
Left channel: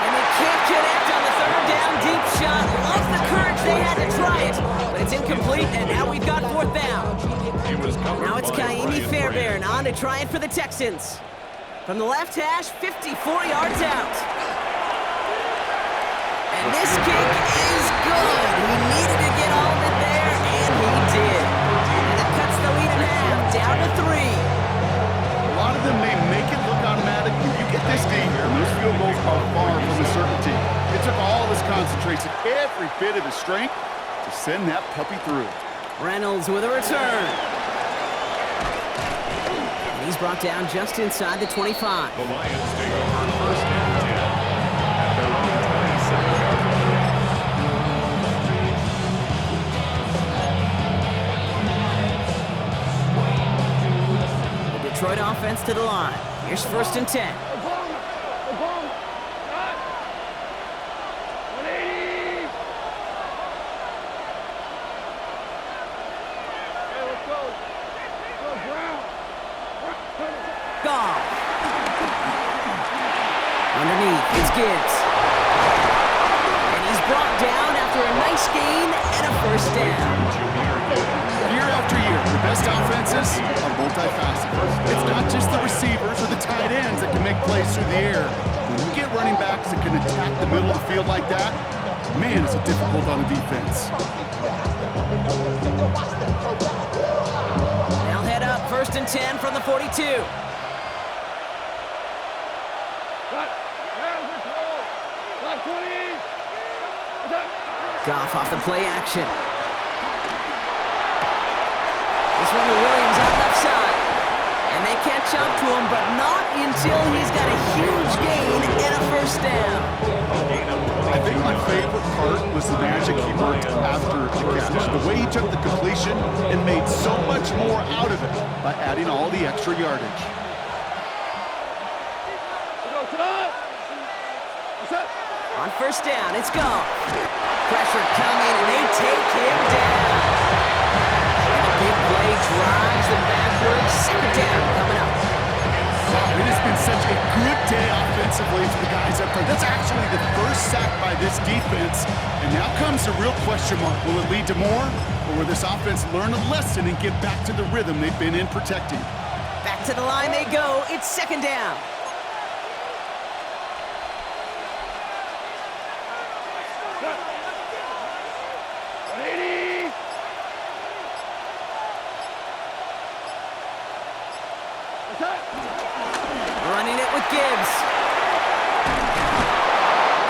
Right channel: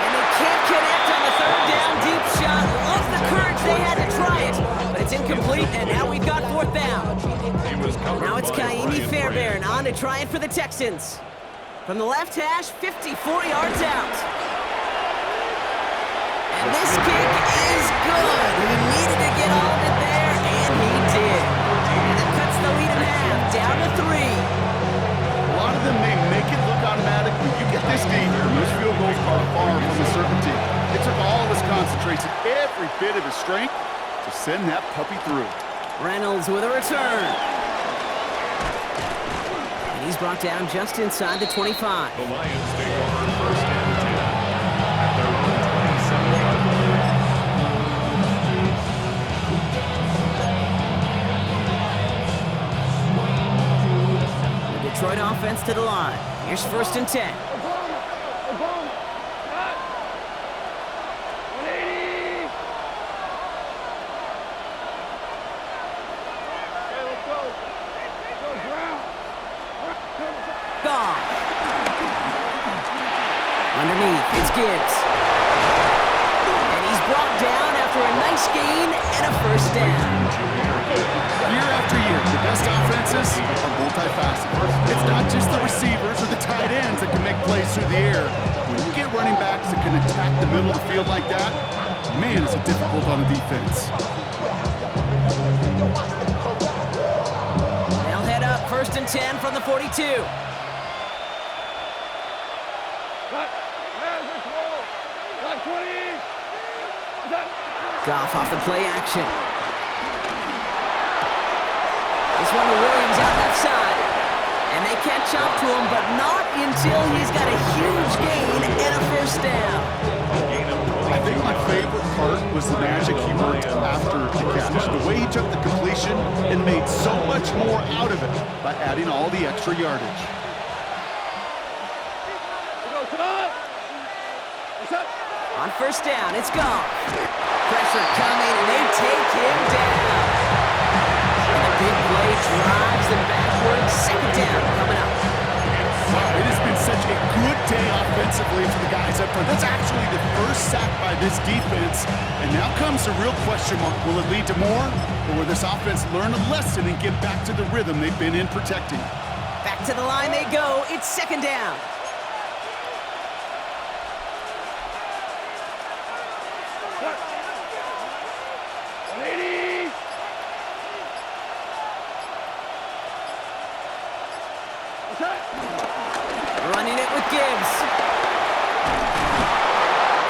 And they can't connect on the third down deep shot. Love the courage they had to try it, but it's incomplete, and now we've got fourth down. Now it's Kaimi Fairbairn on to try it for the Texans. From the left hash, 54 yards out. And this kick is good. He needed to get all of it there, and he did. And it cuts the lead in half, down to 3. A lot of them may make it look automatic, but you get this deep, and those field goals are far from a certainty. It took all his concentration, every bit of his strength, to send that puppy through. Reynolds with a return. And he's brought down just inside the 25. The Lions take over first and 10 at their own 27-yard line. Detroit offense to the line. Here's first and 10. 180. Okay, let's go. Let's go, ground. Goff. Underneath, it's Gibbs. And he's brought down after a nice gain and a first down. Year after year, the best offenses are multifaceted. It's not just the receivers or the tight ends that can make plays through the air. When you get running backs that can attack the middle of the field like that, man, is it difficult on the defense. They'll head up first and 10 from the 42. Got 20. Goff off the play action. This one to Williams out left side. And they catch up to him, but not until he's got a huge gain and a first down. I think my favorite part was the magic he worked after the catch. The way he took the completion and made so much more out of it by adding all the extra yardage. On first down, it's Goff. Pressure coming, and they take him down. And the big play drives them backwards. Second down coming up. Wow, it has been such a good day offensively for the guys up front. That's actually the first sack by this defense. And now comes the real question mark. Will it lead to more? Or will this offense learn a lesson and get back to the rhythm they've been in protecting? Back to the line they go. It's second down. Running it with Gibbs.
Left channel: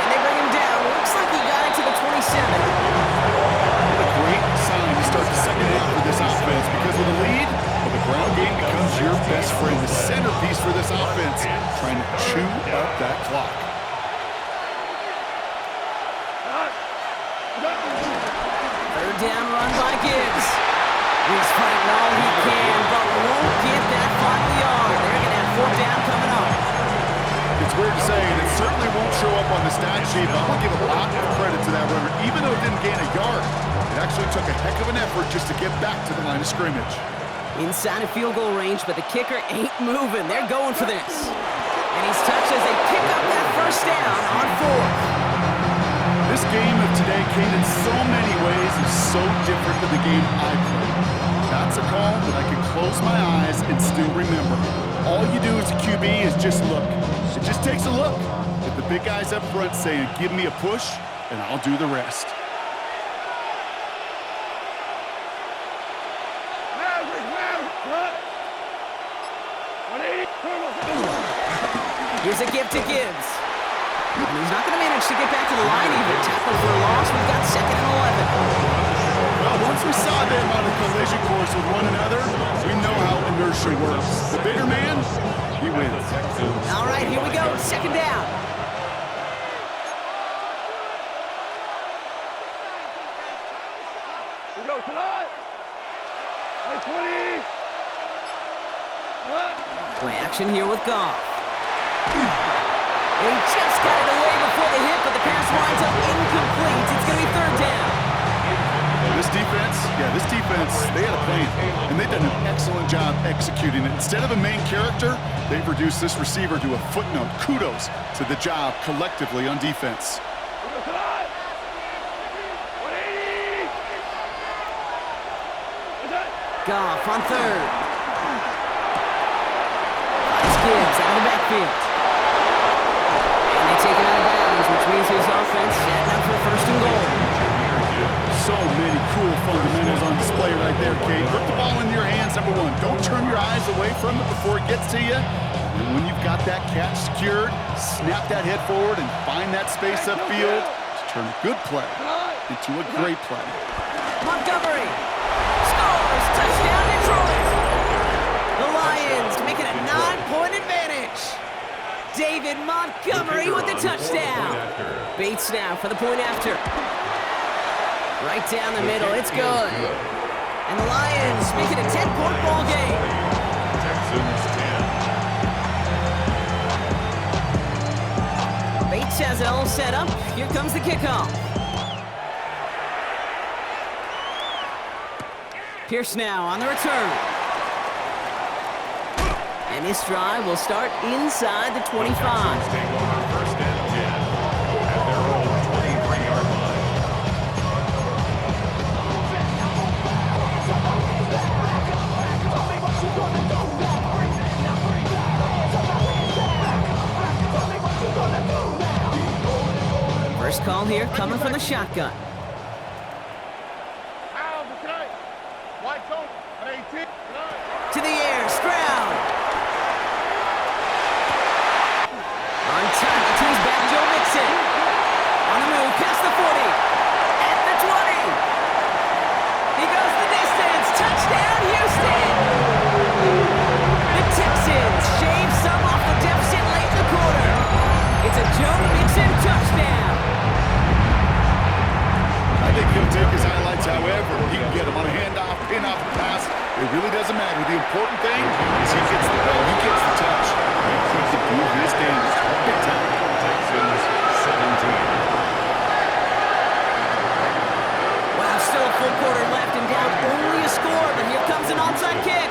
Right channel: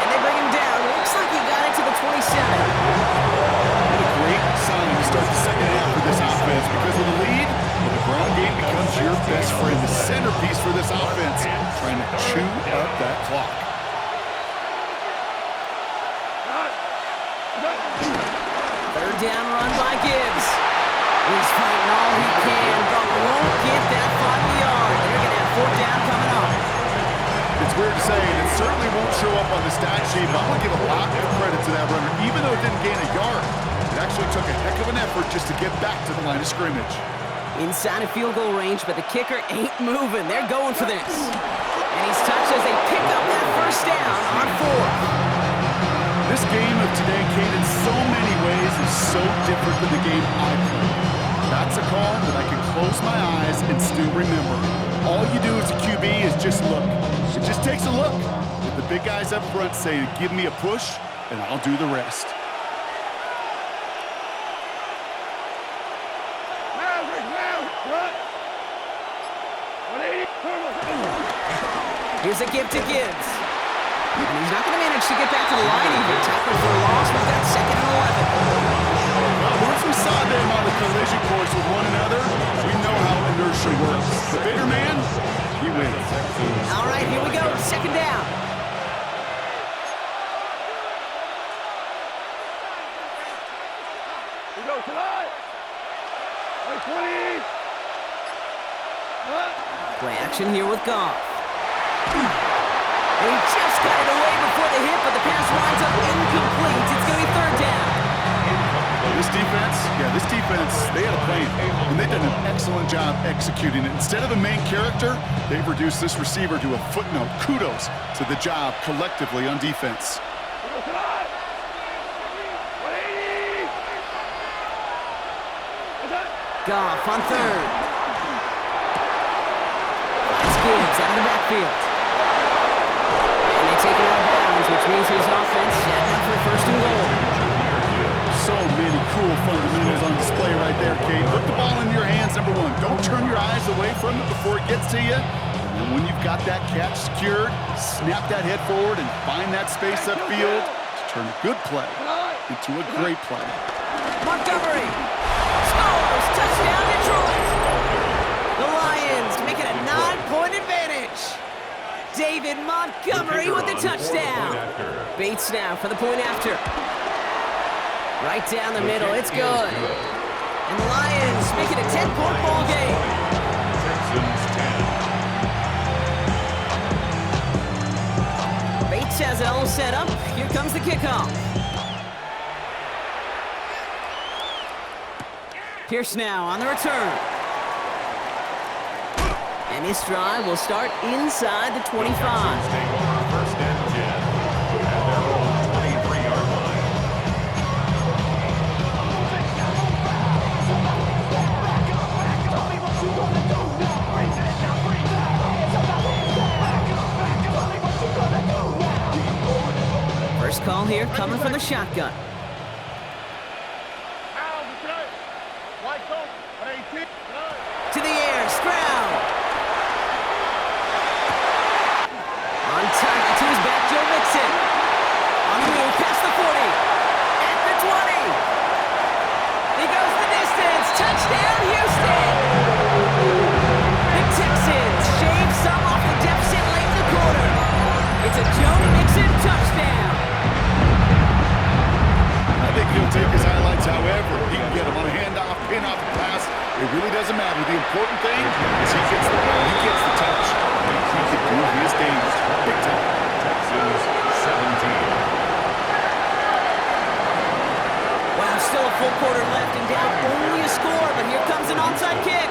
And they bring him down. Looks like he got it to the 27. What a great sign to start the second half for this offense. Because with the lead, well, the ground game becomes your best friend. The centerpiece for this offense, trying to chew up that clock. Third down run by Gibbs. He's fighting all he can, but won't get that final yard. They're going to have fourth down coming up. It's weird to say, and it certainly won't show up on the stat sheet, but I'm going to give a lot of credit to that runner. Even though it didn't gain a yard, it actually took a heck of an effort just to get back to the line of scrimmage. Inside of field goal range, but the kicker ain't moving. They're going for this. And he's touched as they pick up that first down on fourth. This game of today, Kate, in so many ways is so different than the game I played. That's a call that I can close my eyes and still remember. All you do as a QB is just look. It just takes a look. With the big guys up front saying, give me a push, and I'll do the rest. Here's a give to Gibbs. And he's not going to manage to get back to the line even. Tackle for a loss. We've got 2nd and 11. Well, once we saw them on a collision course with one another, we know how inertia works. The bigger man, he wins. All right, here we go. 2nd down. We go tonight. 20. Play action here with Goff. And he just got it away before the hit, but the pass winds up incomplete. It's going to be 3rd down. This defense, they had a plan, and they've done an excellent job executing it. Instead of a main character, they've reduced this receiver to a footnote. Kudos to the job collectively on defense. Goff on 3rd. Finds Gibbs out of the backfield. And they take him out of bounds, which means his offense setting up for 1st and goal. So many cool fundamentals on display right there, Kate. Put the ball in your hands, number 1. Don't turn your eyes away from it before it gets to you. And when you've got that catch secured, snap that head forward and find that space upfield to turn a good play into a great play. Montgomery scores! Touchdown, Detroit! The Lions make it a 9-point advantage. David Montgomery with the touchdown. Bates now for the point after. Right down the middle, it's good. And the Lions make it a 10-point ball game. Texans 10. Bates has it all set up. Here comes the kickoff. Pierce now on the return. And this drive will start inside the 25. Texans take over 1st and 10 at their own 23-yard line. First call here coming from the shotgun. To the air, Stroud. On target to his back, Joe Mixon. On the move, past the 40. At the 20. He goes the distance. Touchdown, Houston. The Texans shave some off the deficit late in the quarter. It's a Joe Mixon touchdown. I think he'll take his highlights however he can get them on a handoff, pin off, a pass. It really doesn't matter. The important thing is he gets the ball, he gets the touch. And he can do his damage big time. Texans 17. Wow, still a full quarter left and down only a score, but here comes an onside kick.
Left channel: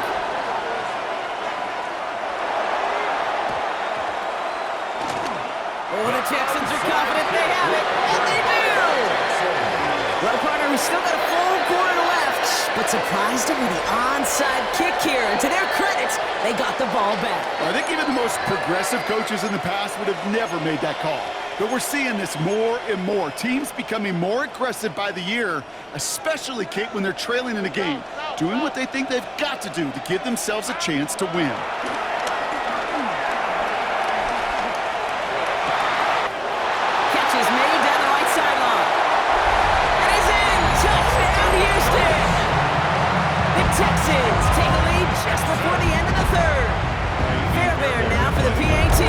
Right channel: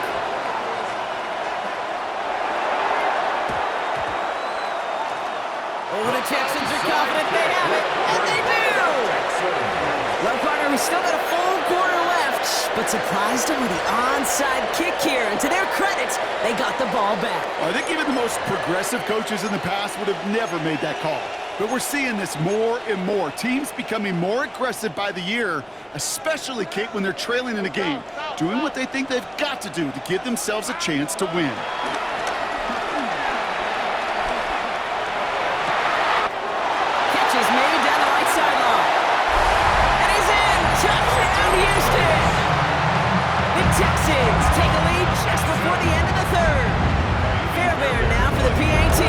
Oh, the Texans are confident they have it, and they do! Well, partner, we still got a full quarter left, but surprised them with the onside kick here, and to their credit, they got the ball back. Well, I think even the most progressive coaches in the past would have never made that call. But we're seeing this more and more. Teams becoming more aggressive by the year, especially, Kate, when they're trailing in a game, doing what they think they've got to do to give themselves a chance to win. Catch is made down the right sideline. And he's in! Touchdown, Houston! The Texans take a lead just before the end of the 3rd. Fairbairn now for the PAT.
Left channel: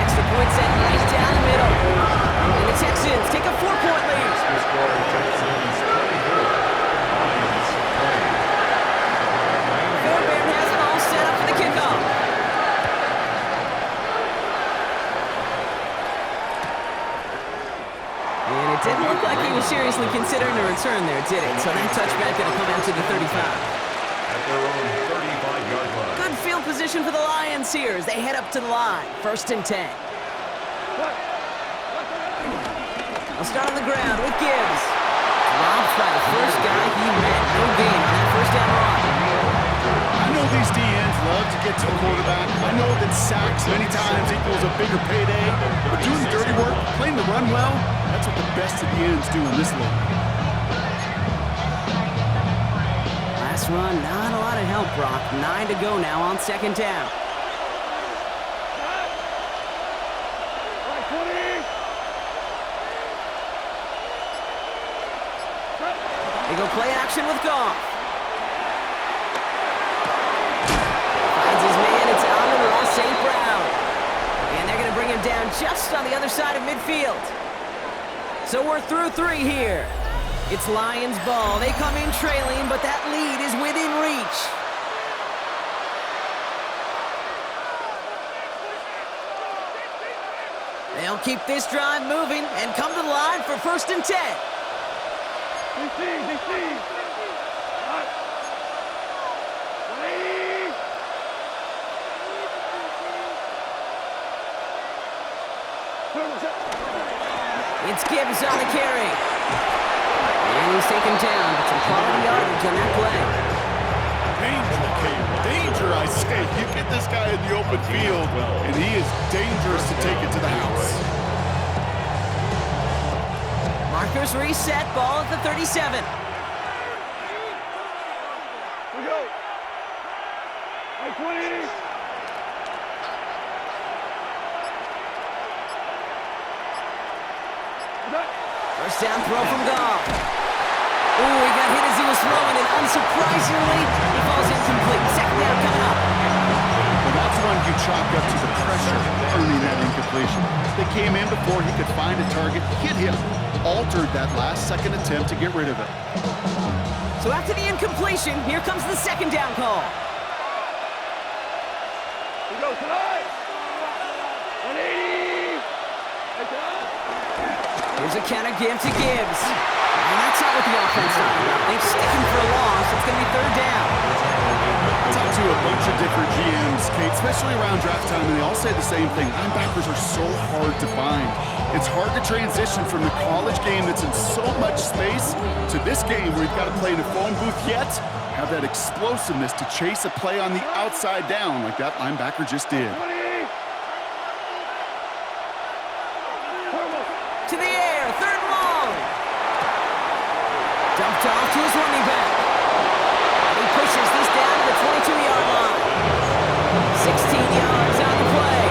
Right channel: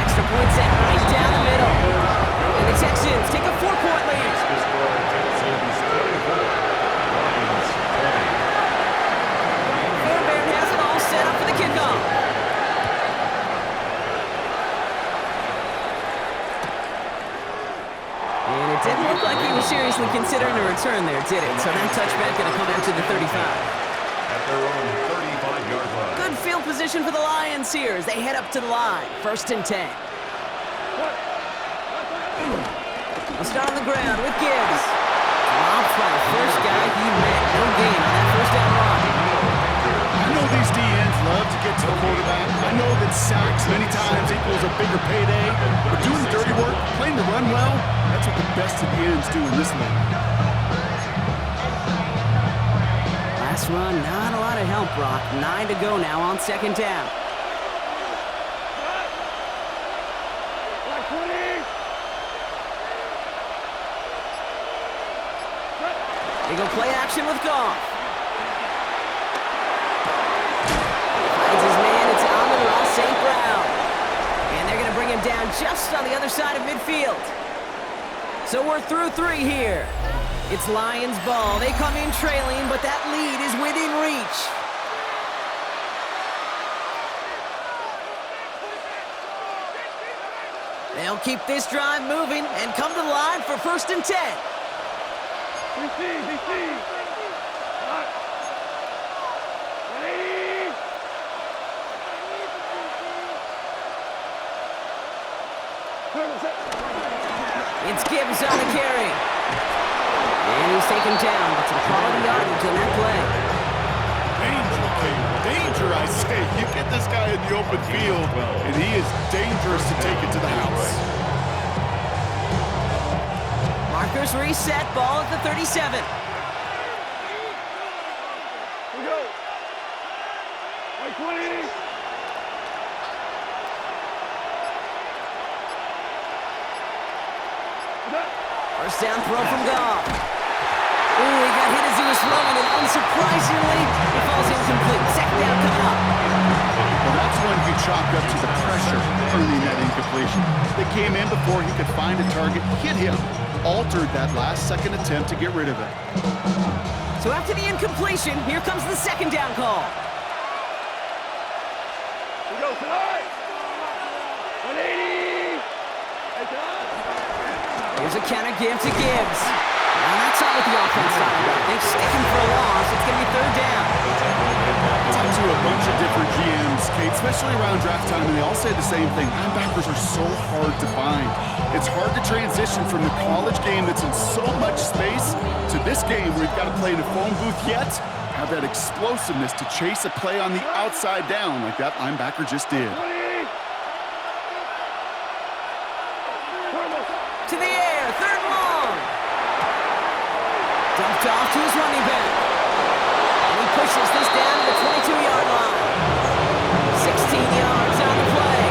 Extra point set right down the middle. And the Texans take a 4-point lead. The score, Texans 24, Lions 20. Fairbairn has it all set up for the kickoff. And it didn't look like he was seriously considering a return there, did it? So that touchback going to come out to the 35. At their own 35-yard line. Good field position for the Lions here as they head up to the line. 1st and 10. They'll start on the ground with Gibbs. Dropped by the first guy he met. No gain on that 1st down run. I know these DNs love to get to the quarterback. I know that sacks many times equals a bigger payday. But doing the dirty work, playing the run well, that's what the best of the ends do in this league. Pass run, not a lot of help, Brock. 9 to go now on second down. They go play action with Goff. Finds his man, it's Amon-Ra St. Brown. And they're going to bring him down just on the other side of midfield. So we're through 3 here. It's Lions ball. They come in trailing, but that lead is within reach. They'll keep this drive moving and come to the line for 1st and 10. It's Gibbs on the carry. And he's taken down, but some quality yardage on that play. Danger, Kate. Danger, I say. You get this guy in the open field, and he is dangerous to take it to the house. Markers reset, ball at the 37. We go. Right 20. First down throw from Goff. Ooh, he got hit as he was throwing, and unsurprisingly, he falls incomplete. Second down coming up. Well, that's one you chalk up to the pressure earning that incompletion. They came in before he could find a target, hit him, altered that last-second attempt to get rid of it. So after the incompletion, here comes the second down call. We go tonight. 180. Hey, tonight. Here's a counter give to Gibbs. And that's not what the offense talking about. They stick him for a loss. It's going to be 3rd down. I talked to a bunch of different GMs, Kate, especially around draft time, and they all say the same thing. Linebackers are so hard to find. It's hard to transition from the college game that's in so much space to this game where you've got to play in a phone booth, yet have that explosiveness to chase a play on the outside down like that linebacker just did. To the air, 3rd and long. Dumped off to his running back. And he pushes this down to the 22-yard line. 16 yards on the play.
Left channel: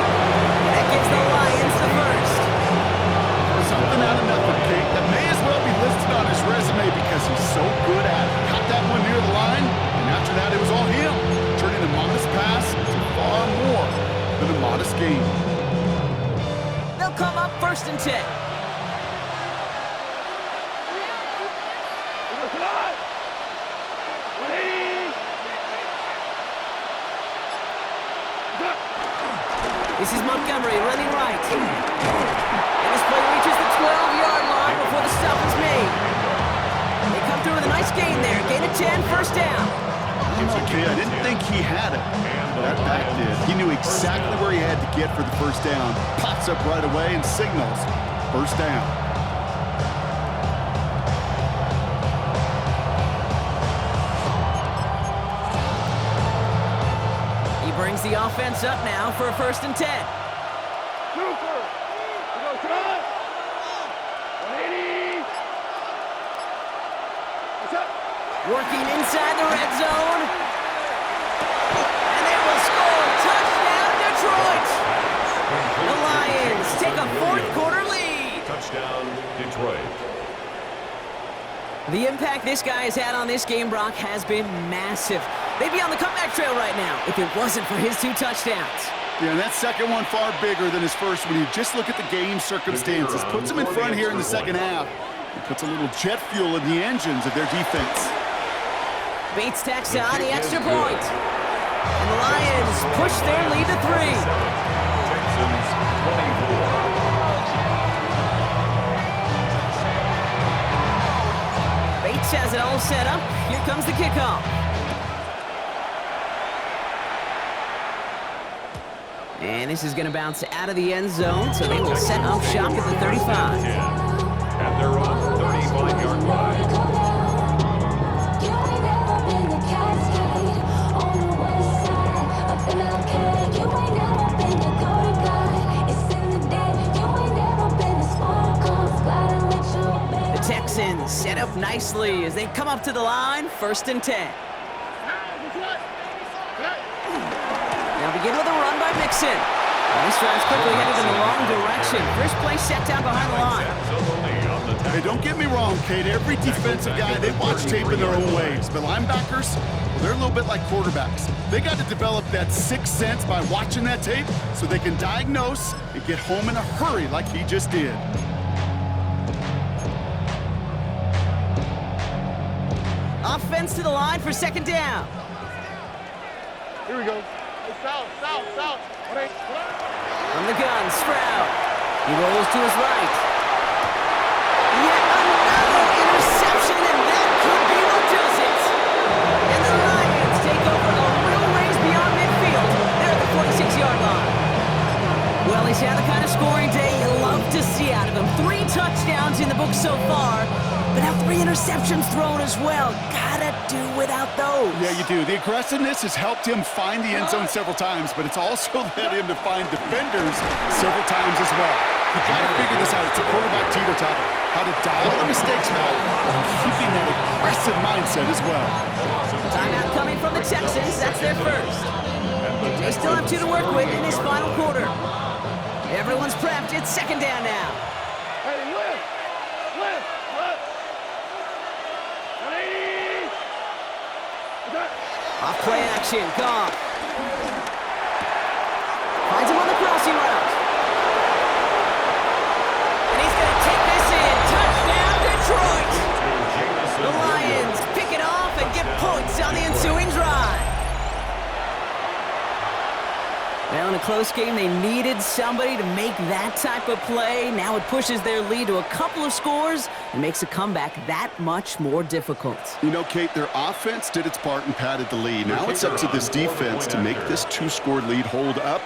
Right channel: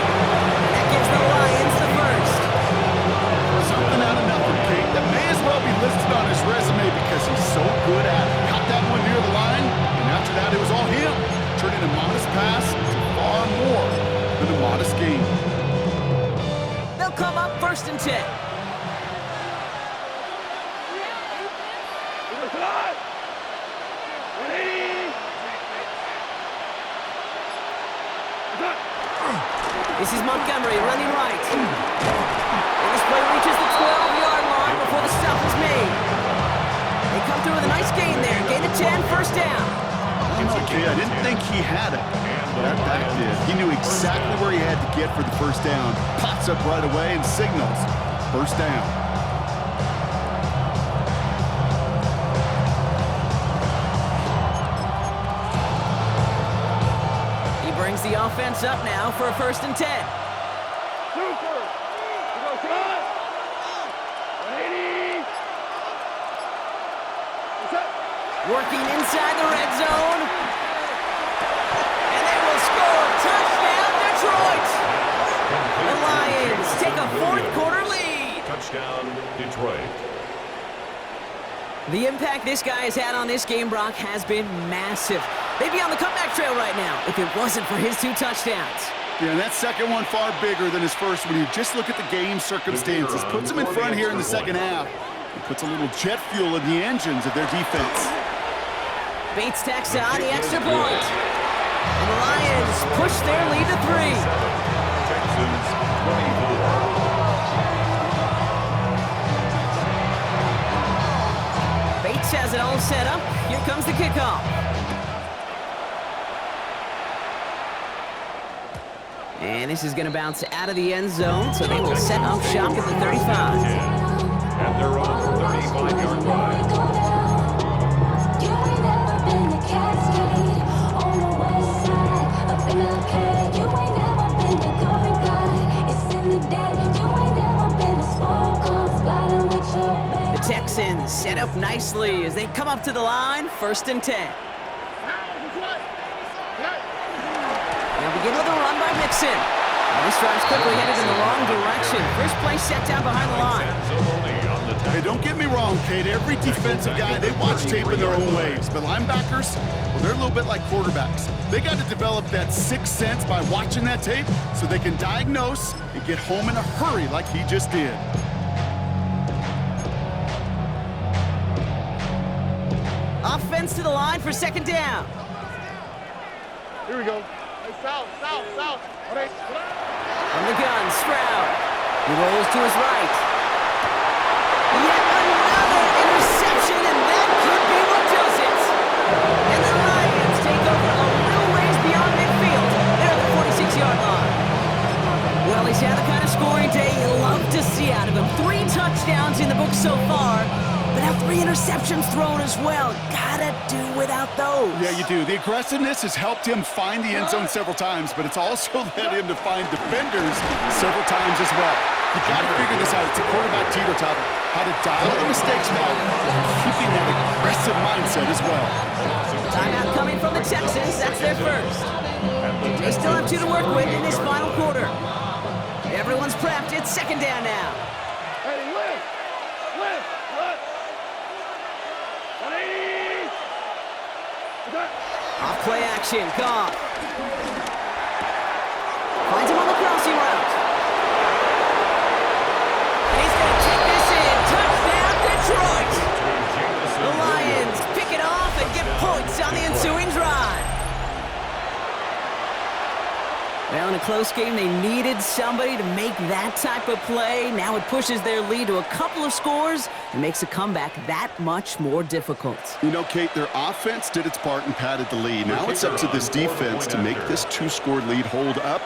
And that gives the Lions the first. Something out of nothing, Kate. That may as well be listed on his resume because he's so good at it. Caught that one near the line, and after that it was all him. Turning a modest pass to far more than a modest game. They'll come up 1st and 10. This is Montgomery running right. And this play reaches the 12-yard line before the stop is made. They come through with a nice gain there. Gain of 10, 1st down. Okay, I didn't think he had it. That back did. He knew exactly where he had to get for the 1st down. Pops up right away and signals 1st down. Brings the offense up now for a 1st and 10. Super. We go tonight. 180. What's up? Working inside the red zone. And they will score. Touchdown, Detroit. The Lions take a 4th quarter lead. Touchdown, Detroit. The impact this guy has had on this game, Brock, has been massive. They'd be on the comeback trail right now if it wasn't for his 2 touchdowns. Yeah, and that second one far bigger than his first when you just look at the game circumstances. Puts them in front here in the second half. It puts a little jet fuel in the engines of their defense. Bates tacks on the extra point. And the Lions push their lead to 3. Texans 24. Bates has it all set up. Here comes the kickoff. And this is going to bounce out of the end zone, so they will set up shop at the 35. At their own 35-yard line. The Texans set up nicely as they come up to the line, 1st and 10. Now begin with a run by Mixon. And this drive's quickly headed in the wrong direction. First play set down behind the line. Hey, don't get me wrong, Kate. Every defensive guy, they watch tape in their own ways. But linebackers, well, they're a little bit like quarterbacks. They got to develop that sixth sense by watching that tape so they can diagnose and get home in a hurry like he just did. Offense to the line for second down. Here we go. Hey, south. From the gun, Stroud. He rolls to his right. Yet another interception, and that could be what does it. And the Lions take over a little ways beyond midfield. They're at the 46-yard line. Well, he's had the kind of scoring day you love to see out of him. 3 touchdowns in the book so far, but now 3 interceptions thrown as well. Gotta do without those. Yeah, you do. The aggressiveness has helped him find the end zone several times, but it's also led him to find defenders several times as well. You got to figure this out. It's a quarterback teeter-totter. How to dial the mistakes back while keeping that aggressive mindset as well. Timeout coming from the Texans. That's their first. They still have 2 to work with in this final quarter. Everyone's prepped. It's second down now. Hey, lift. Off play action. Goff finds him on the crossing route. And he's going to take this in. Touchdown, Detroit. The Lions pick it off and get points on the ensuing drive. Well, in a close game, they needed somebody to make that type of play. Now it pushes their lead to a couple of scores and makes a comeback that much more difficult. You know, Kate, their offense did its part and padded the lead. Now it's up to this defense to make this 2-score lead hold up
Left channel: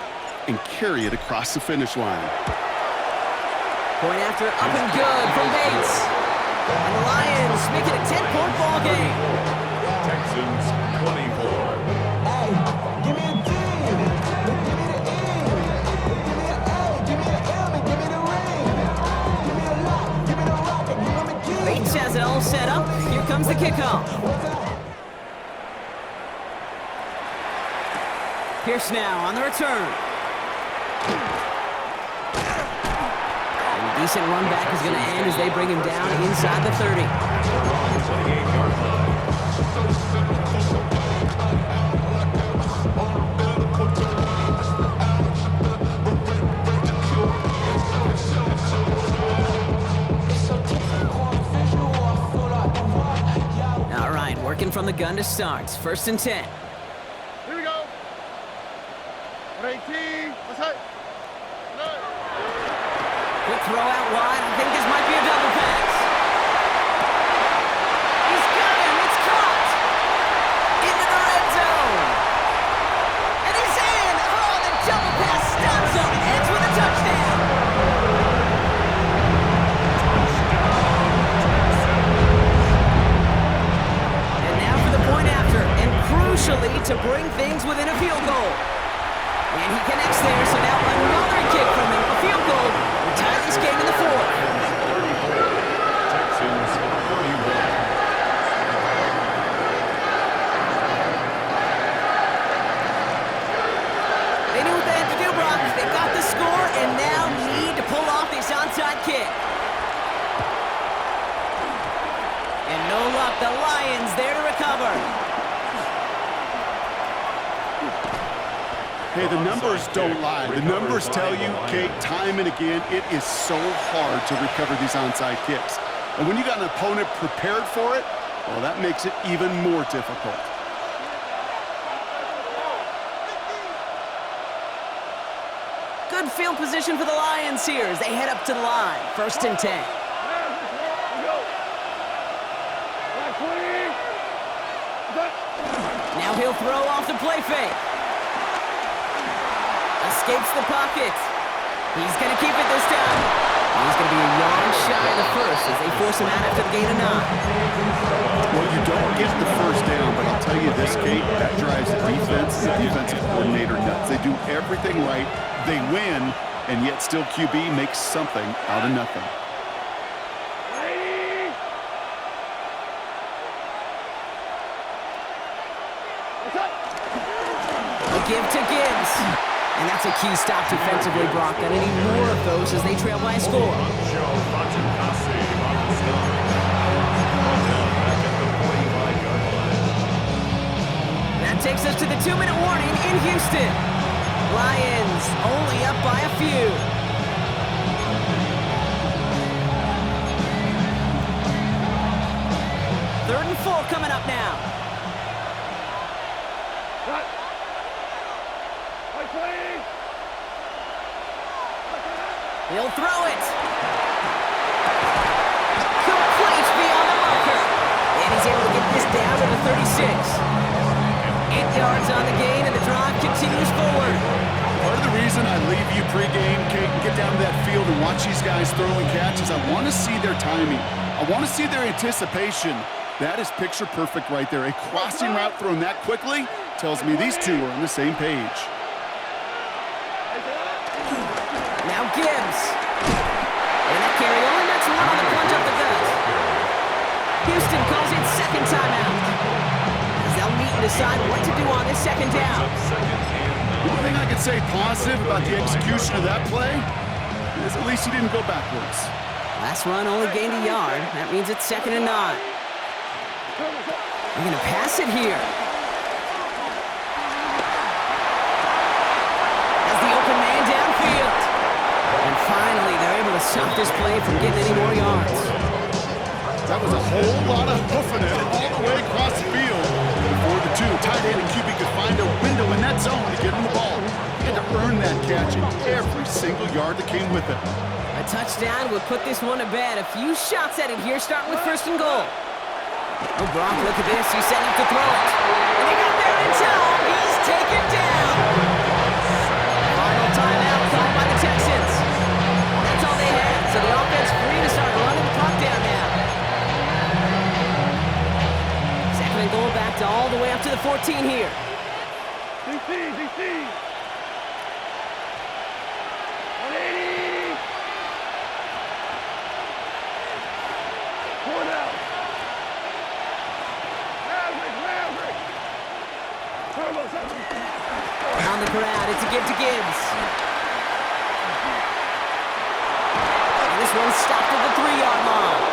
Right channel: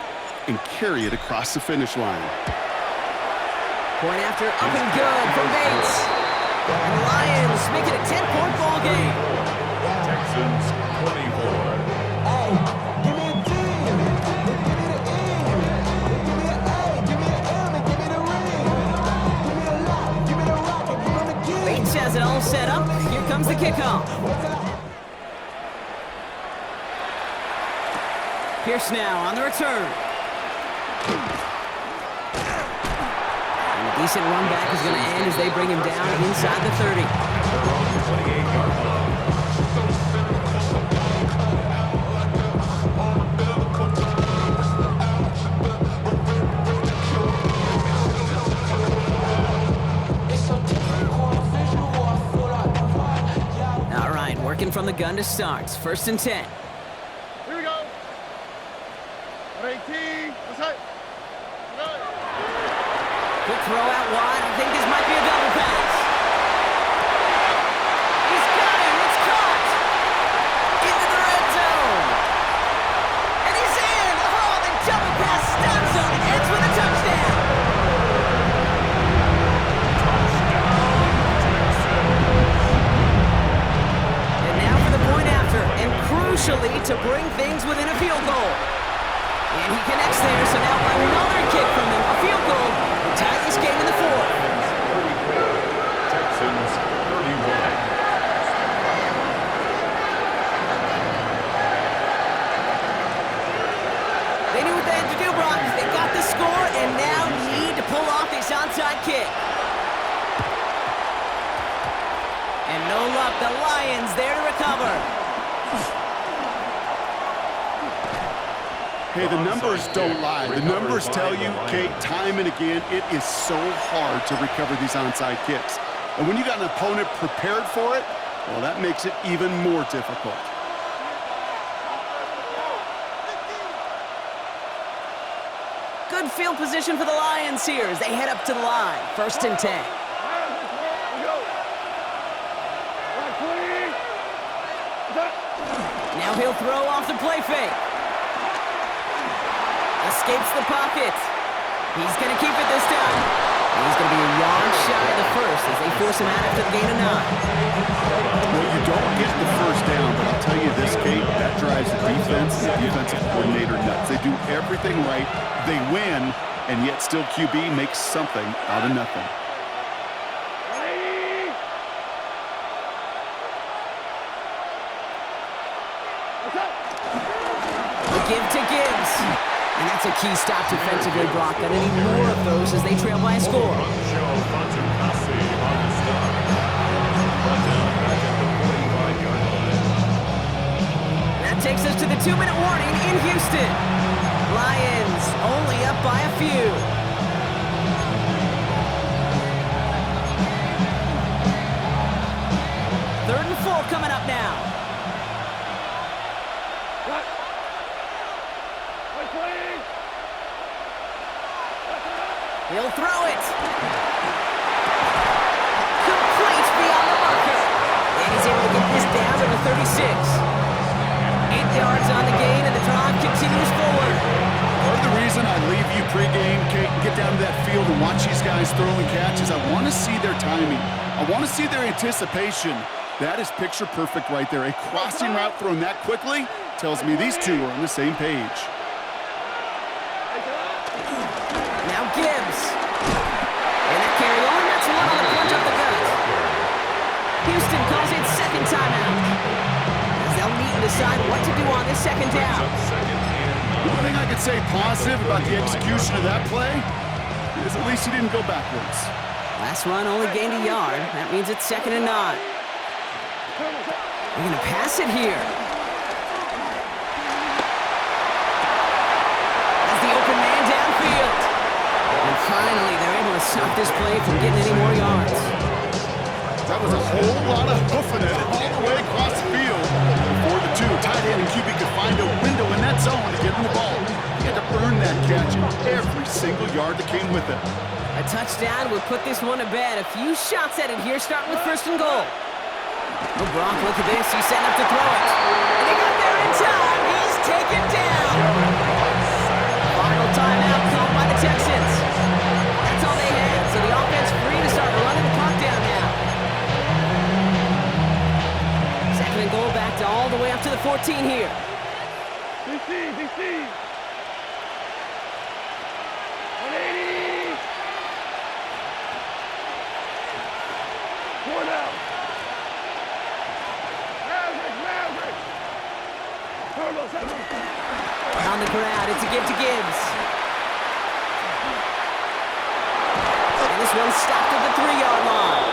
and carry it across the finish line. Point after up and good from Bates. And the Lions make it a 10-point ball game. Texans 24. Hey, give me a D. Give me the E. Give me an A. Give me an M. And give me the ring. Give me the lock. Give me the rock. And give me the key. Bates has it all set up. Here comes the kickoff. Pierce now on the return. And a decent run back is going to end as they bring him down inside the 30. At their own 28-yard line. All right, working from the gun to start. First and 10. Here we go. 118. Let's hit. Quick throw out wide. I think this might be a double pass. He's got him. It's caught. Into the red zone. And he's in. Oh, the double pass stops him and ends with a touchdown. And now for the point after. And crucially, to bring things within a field goal. And he connects there, so now another kick from him. A field goal will tie this game in the 4th. Texans 31. They knew what they had to do, Brock. They got the score and now need to pull off this onside kick. And no luck, the Lions there to recover. Hey, the numbers don't lie. The numbers tell you, Kate, time and again, it is so hard to recover these onside kicks. And when you got an opponent prepared for it, well, that makes it even more difficult. Good field position for the Lions here as they head up to the line. First and 10. Now he'll throw off the play fake. Escapes the pocket. He's going to keep it this time. He's going to be a yard shy of the first as they force him out after the gain of 9. Well, you don't get the first down, but I'll tell you this, Kate, that drives the defense and the defensive coordinator nuts. They do everything right. They win, and yet still QB makes something out of nothing. A give to Gibbs. And that's a key stop defensively, Brock. Gonna need more of those as they trail by a score. That takes us to the 2-minute warning in Houston. Lions only up by a few. Third and 4 coming up now. He'll throw it. Complete beyond the marker. And he's able to get this down to the 36. 8 yards on the gain, and the drive continues forward. Part of the reason I leave you pregame, Kate, and get down to that field and watch these guys throw and catch is I want to see their timing. I want to see their anticipation. That is picture perfect right there. A crossing route thrown that quickly tells me these two are on the same page. Now Gibbs. And that carry only nets one on the plunge up the gut. Houston calls it second timeout. As they'll meet and decide what to do on this second down. The one thing I could say positive about the execution of that play is at least he didn't go backwards. Last run only gained a yard. That means it's 2nd and 9. They're going to pass it here. As the open man downfield. And finally, they're able to stop this play from getting any more yards. That was a whole lot of hoofing it all the way across the field before the two tight end and QB could find a window in that zone to get him the ball. He had to earn that catch in every single yard that came with it. A touchdown would put this one to bed. A few shots at it here, starting with 1st and goal. Oh, Brock, look at this. He's setting up to throw it. And he got there in time. He's taken down. Final timeout called by the Texans. That's all they had. So the offense free to start running the clock down now. 2nd and goal back to all the way up to the 14 here. DC. 180. 4 down. Maverick. Turbo 7. On the crowd, it's a give to Gibbs. And this one's stopped at the 3-yard line.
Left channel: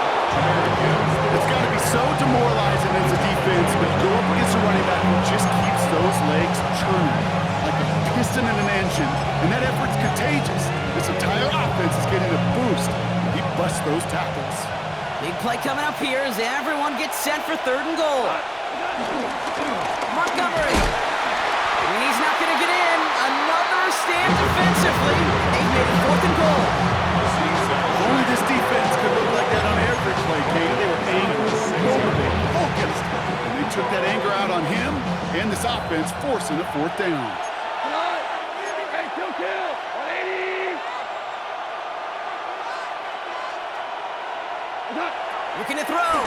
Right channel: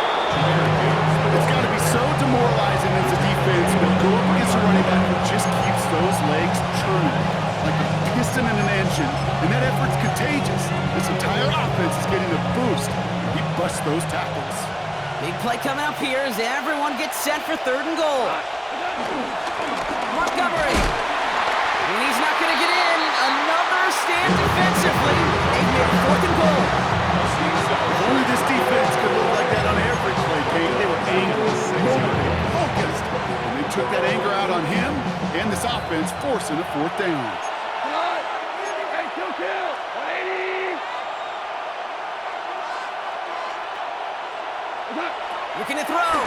It's got to be so demoralizing as a defense when you go up against a running back who just keeps those legs churning like a piston in an engine, and that effort's contagious. This entire offense is getting a boost. He busts those tackles. Big play coming up here as everyone gets set for 3rd and goal. Montgomery. And he's not going to get in. Another stand defensively. They've made it 4th and goal. If only this defense could look like that on every play, Kate. They were angry, motivated, focused. And they took that anger out on him and this offense, forcing a 4th down. Hey, kill. 180. Looking to throw.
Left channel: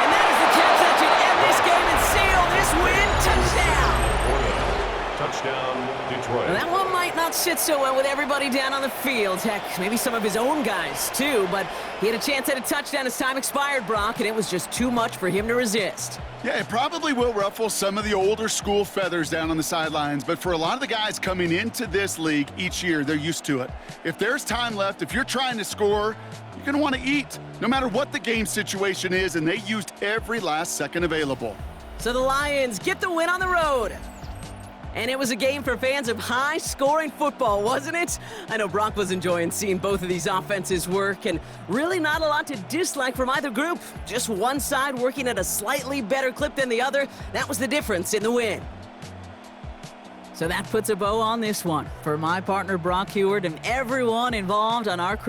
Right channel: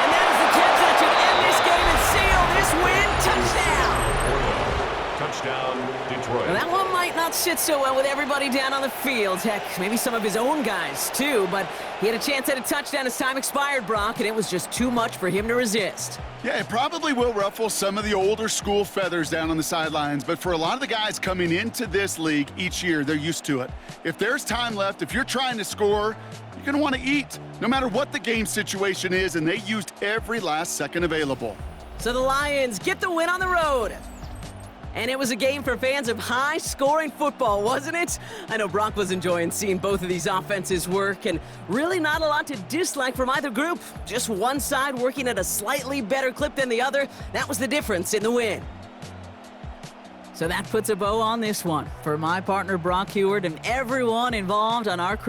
And that is the catch that should end this game and seal this win. Touchdown. Touchdown, Detroit. Well, that one might not sit so well with everybody down on the field. Heck, maybe some of his own guys, too. But he had a chance at a touchdown as time expired, Brock, and it was just too much for him to resist. Yeah, it probably will ruffle some of the older school feathers down on the sidelines, but for a lot of the guys coming into this league each year, they're used to it. If there's time left, if you're trying to score, you're going to want to eat, no matter what the game situation is, and they used every last second available. So the Lions get the win on the road. And it was a game for fans of high-scoring football, wasn't it? I know Brock was enjoying seeing both of these offenses work, and really not a lot to dislike from either group. Just one side working at a slightly better clip than the other. That was the difference in the win. So that puts a bow on this one. For my partner, Brock Heward, and everyone involved on our crew.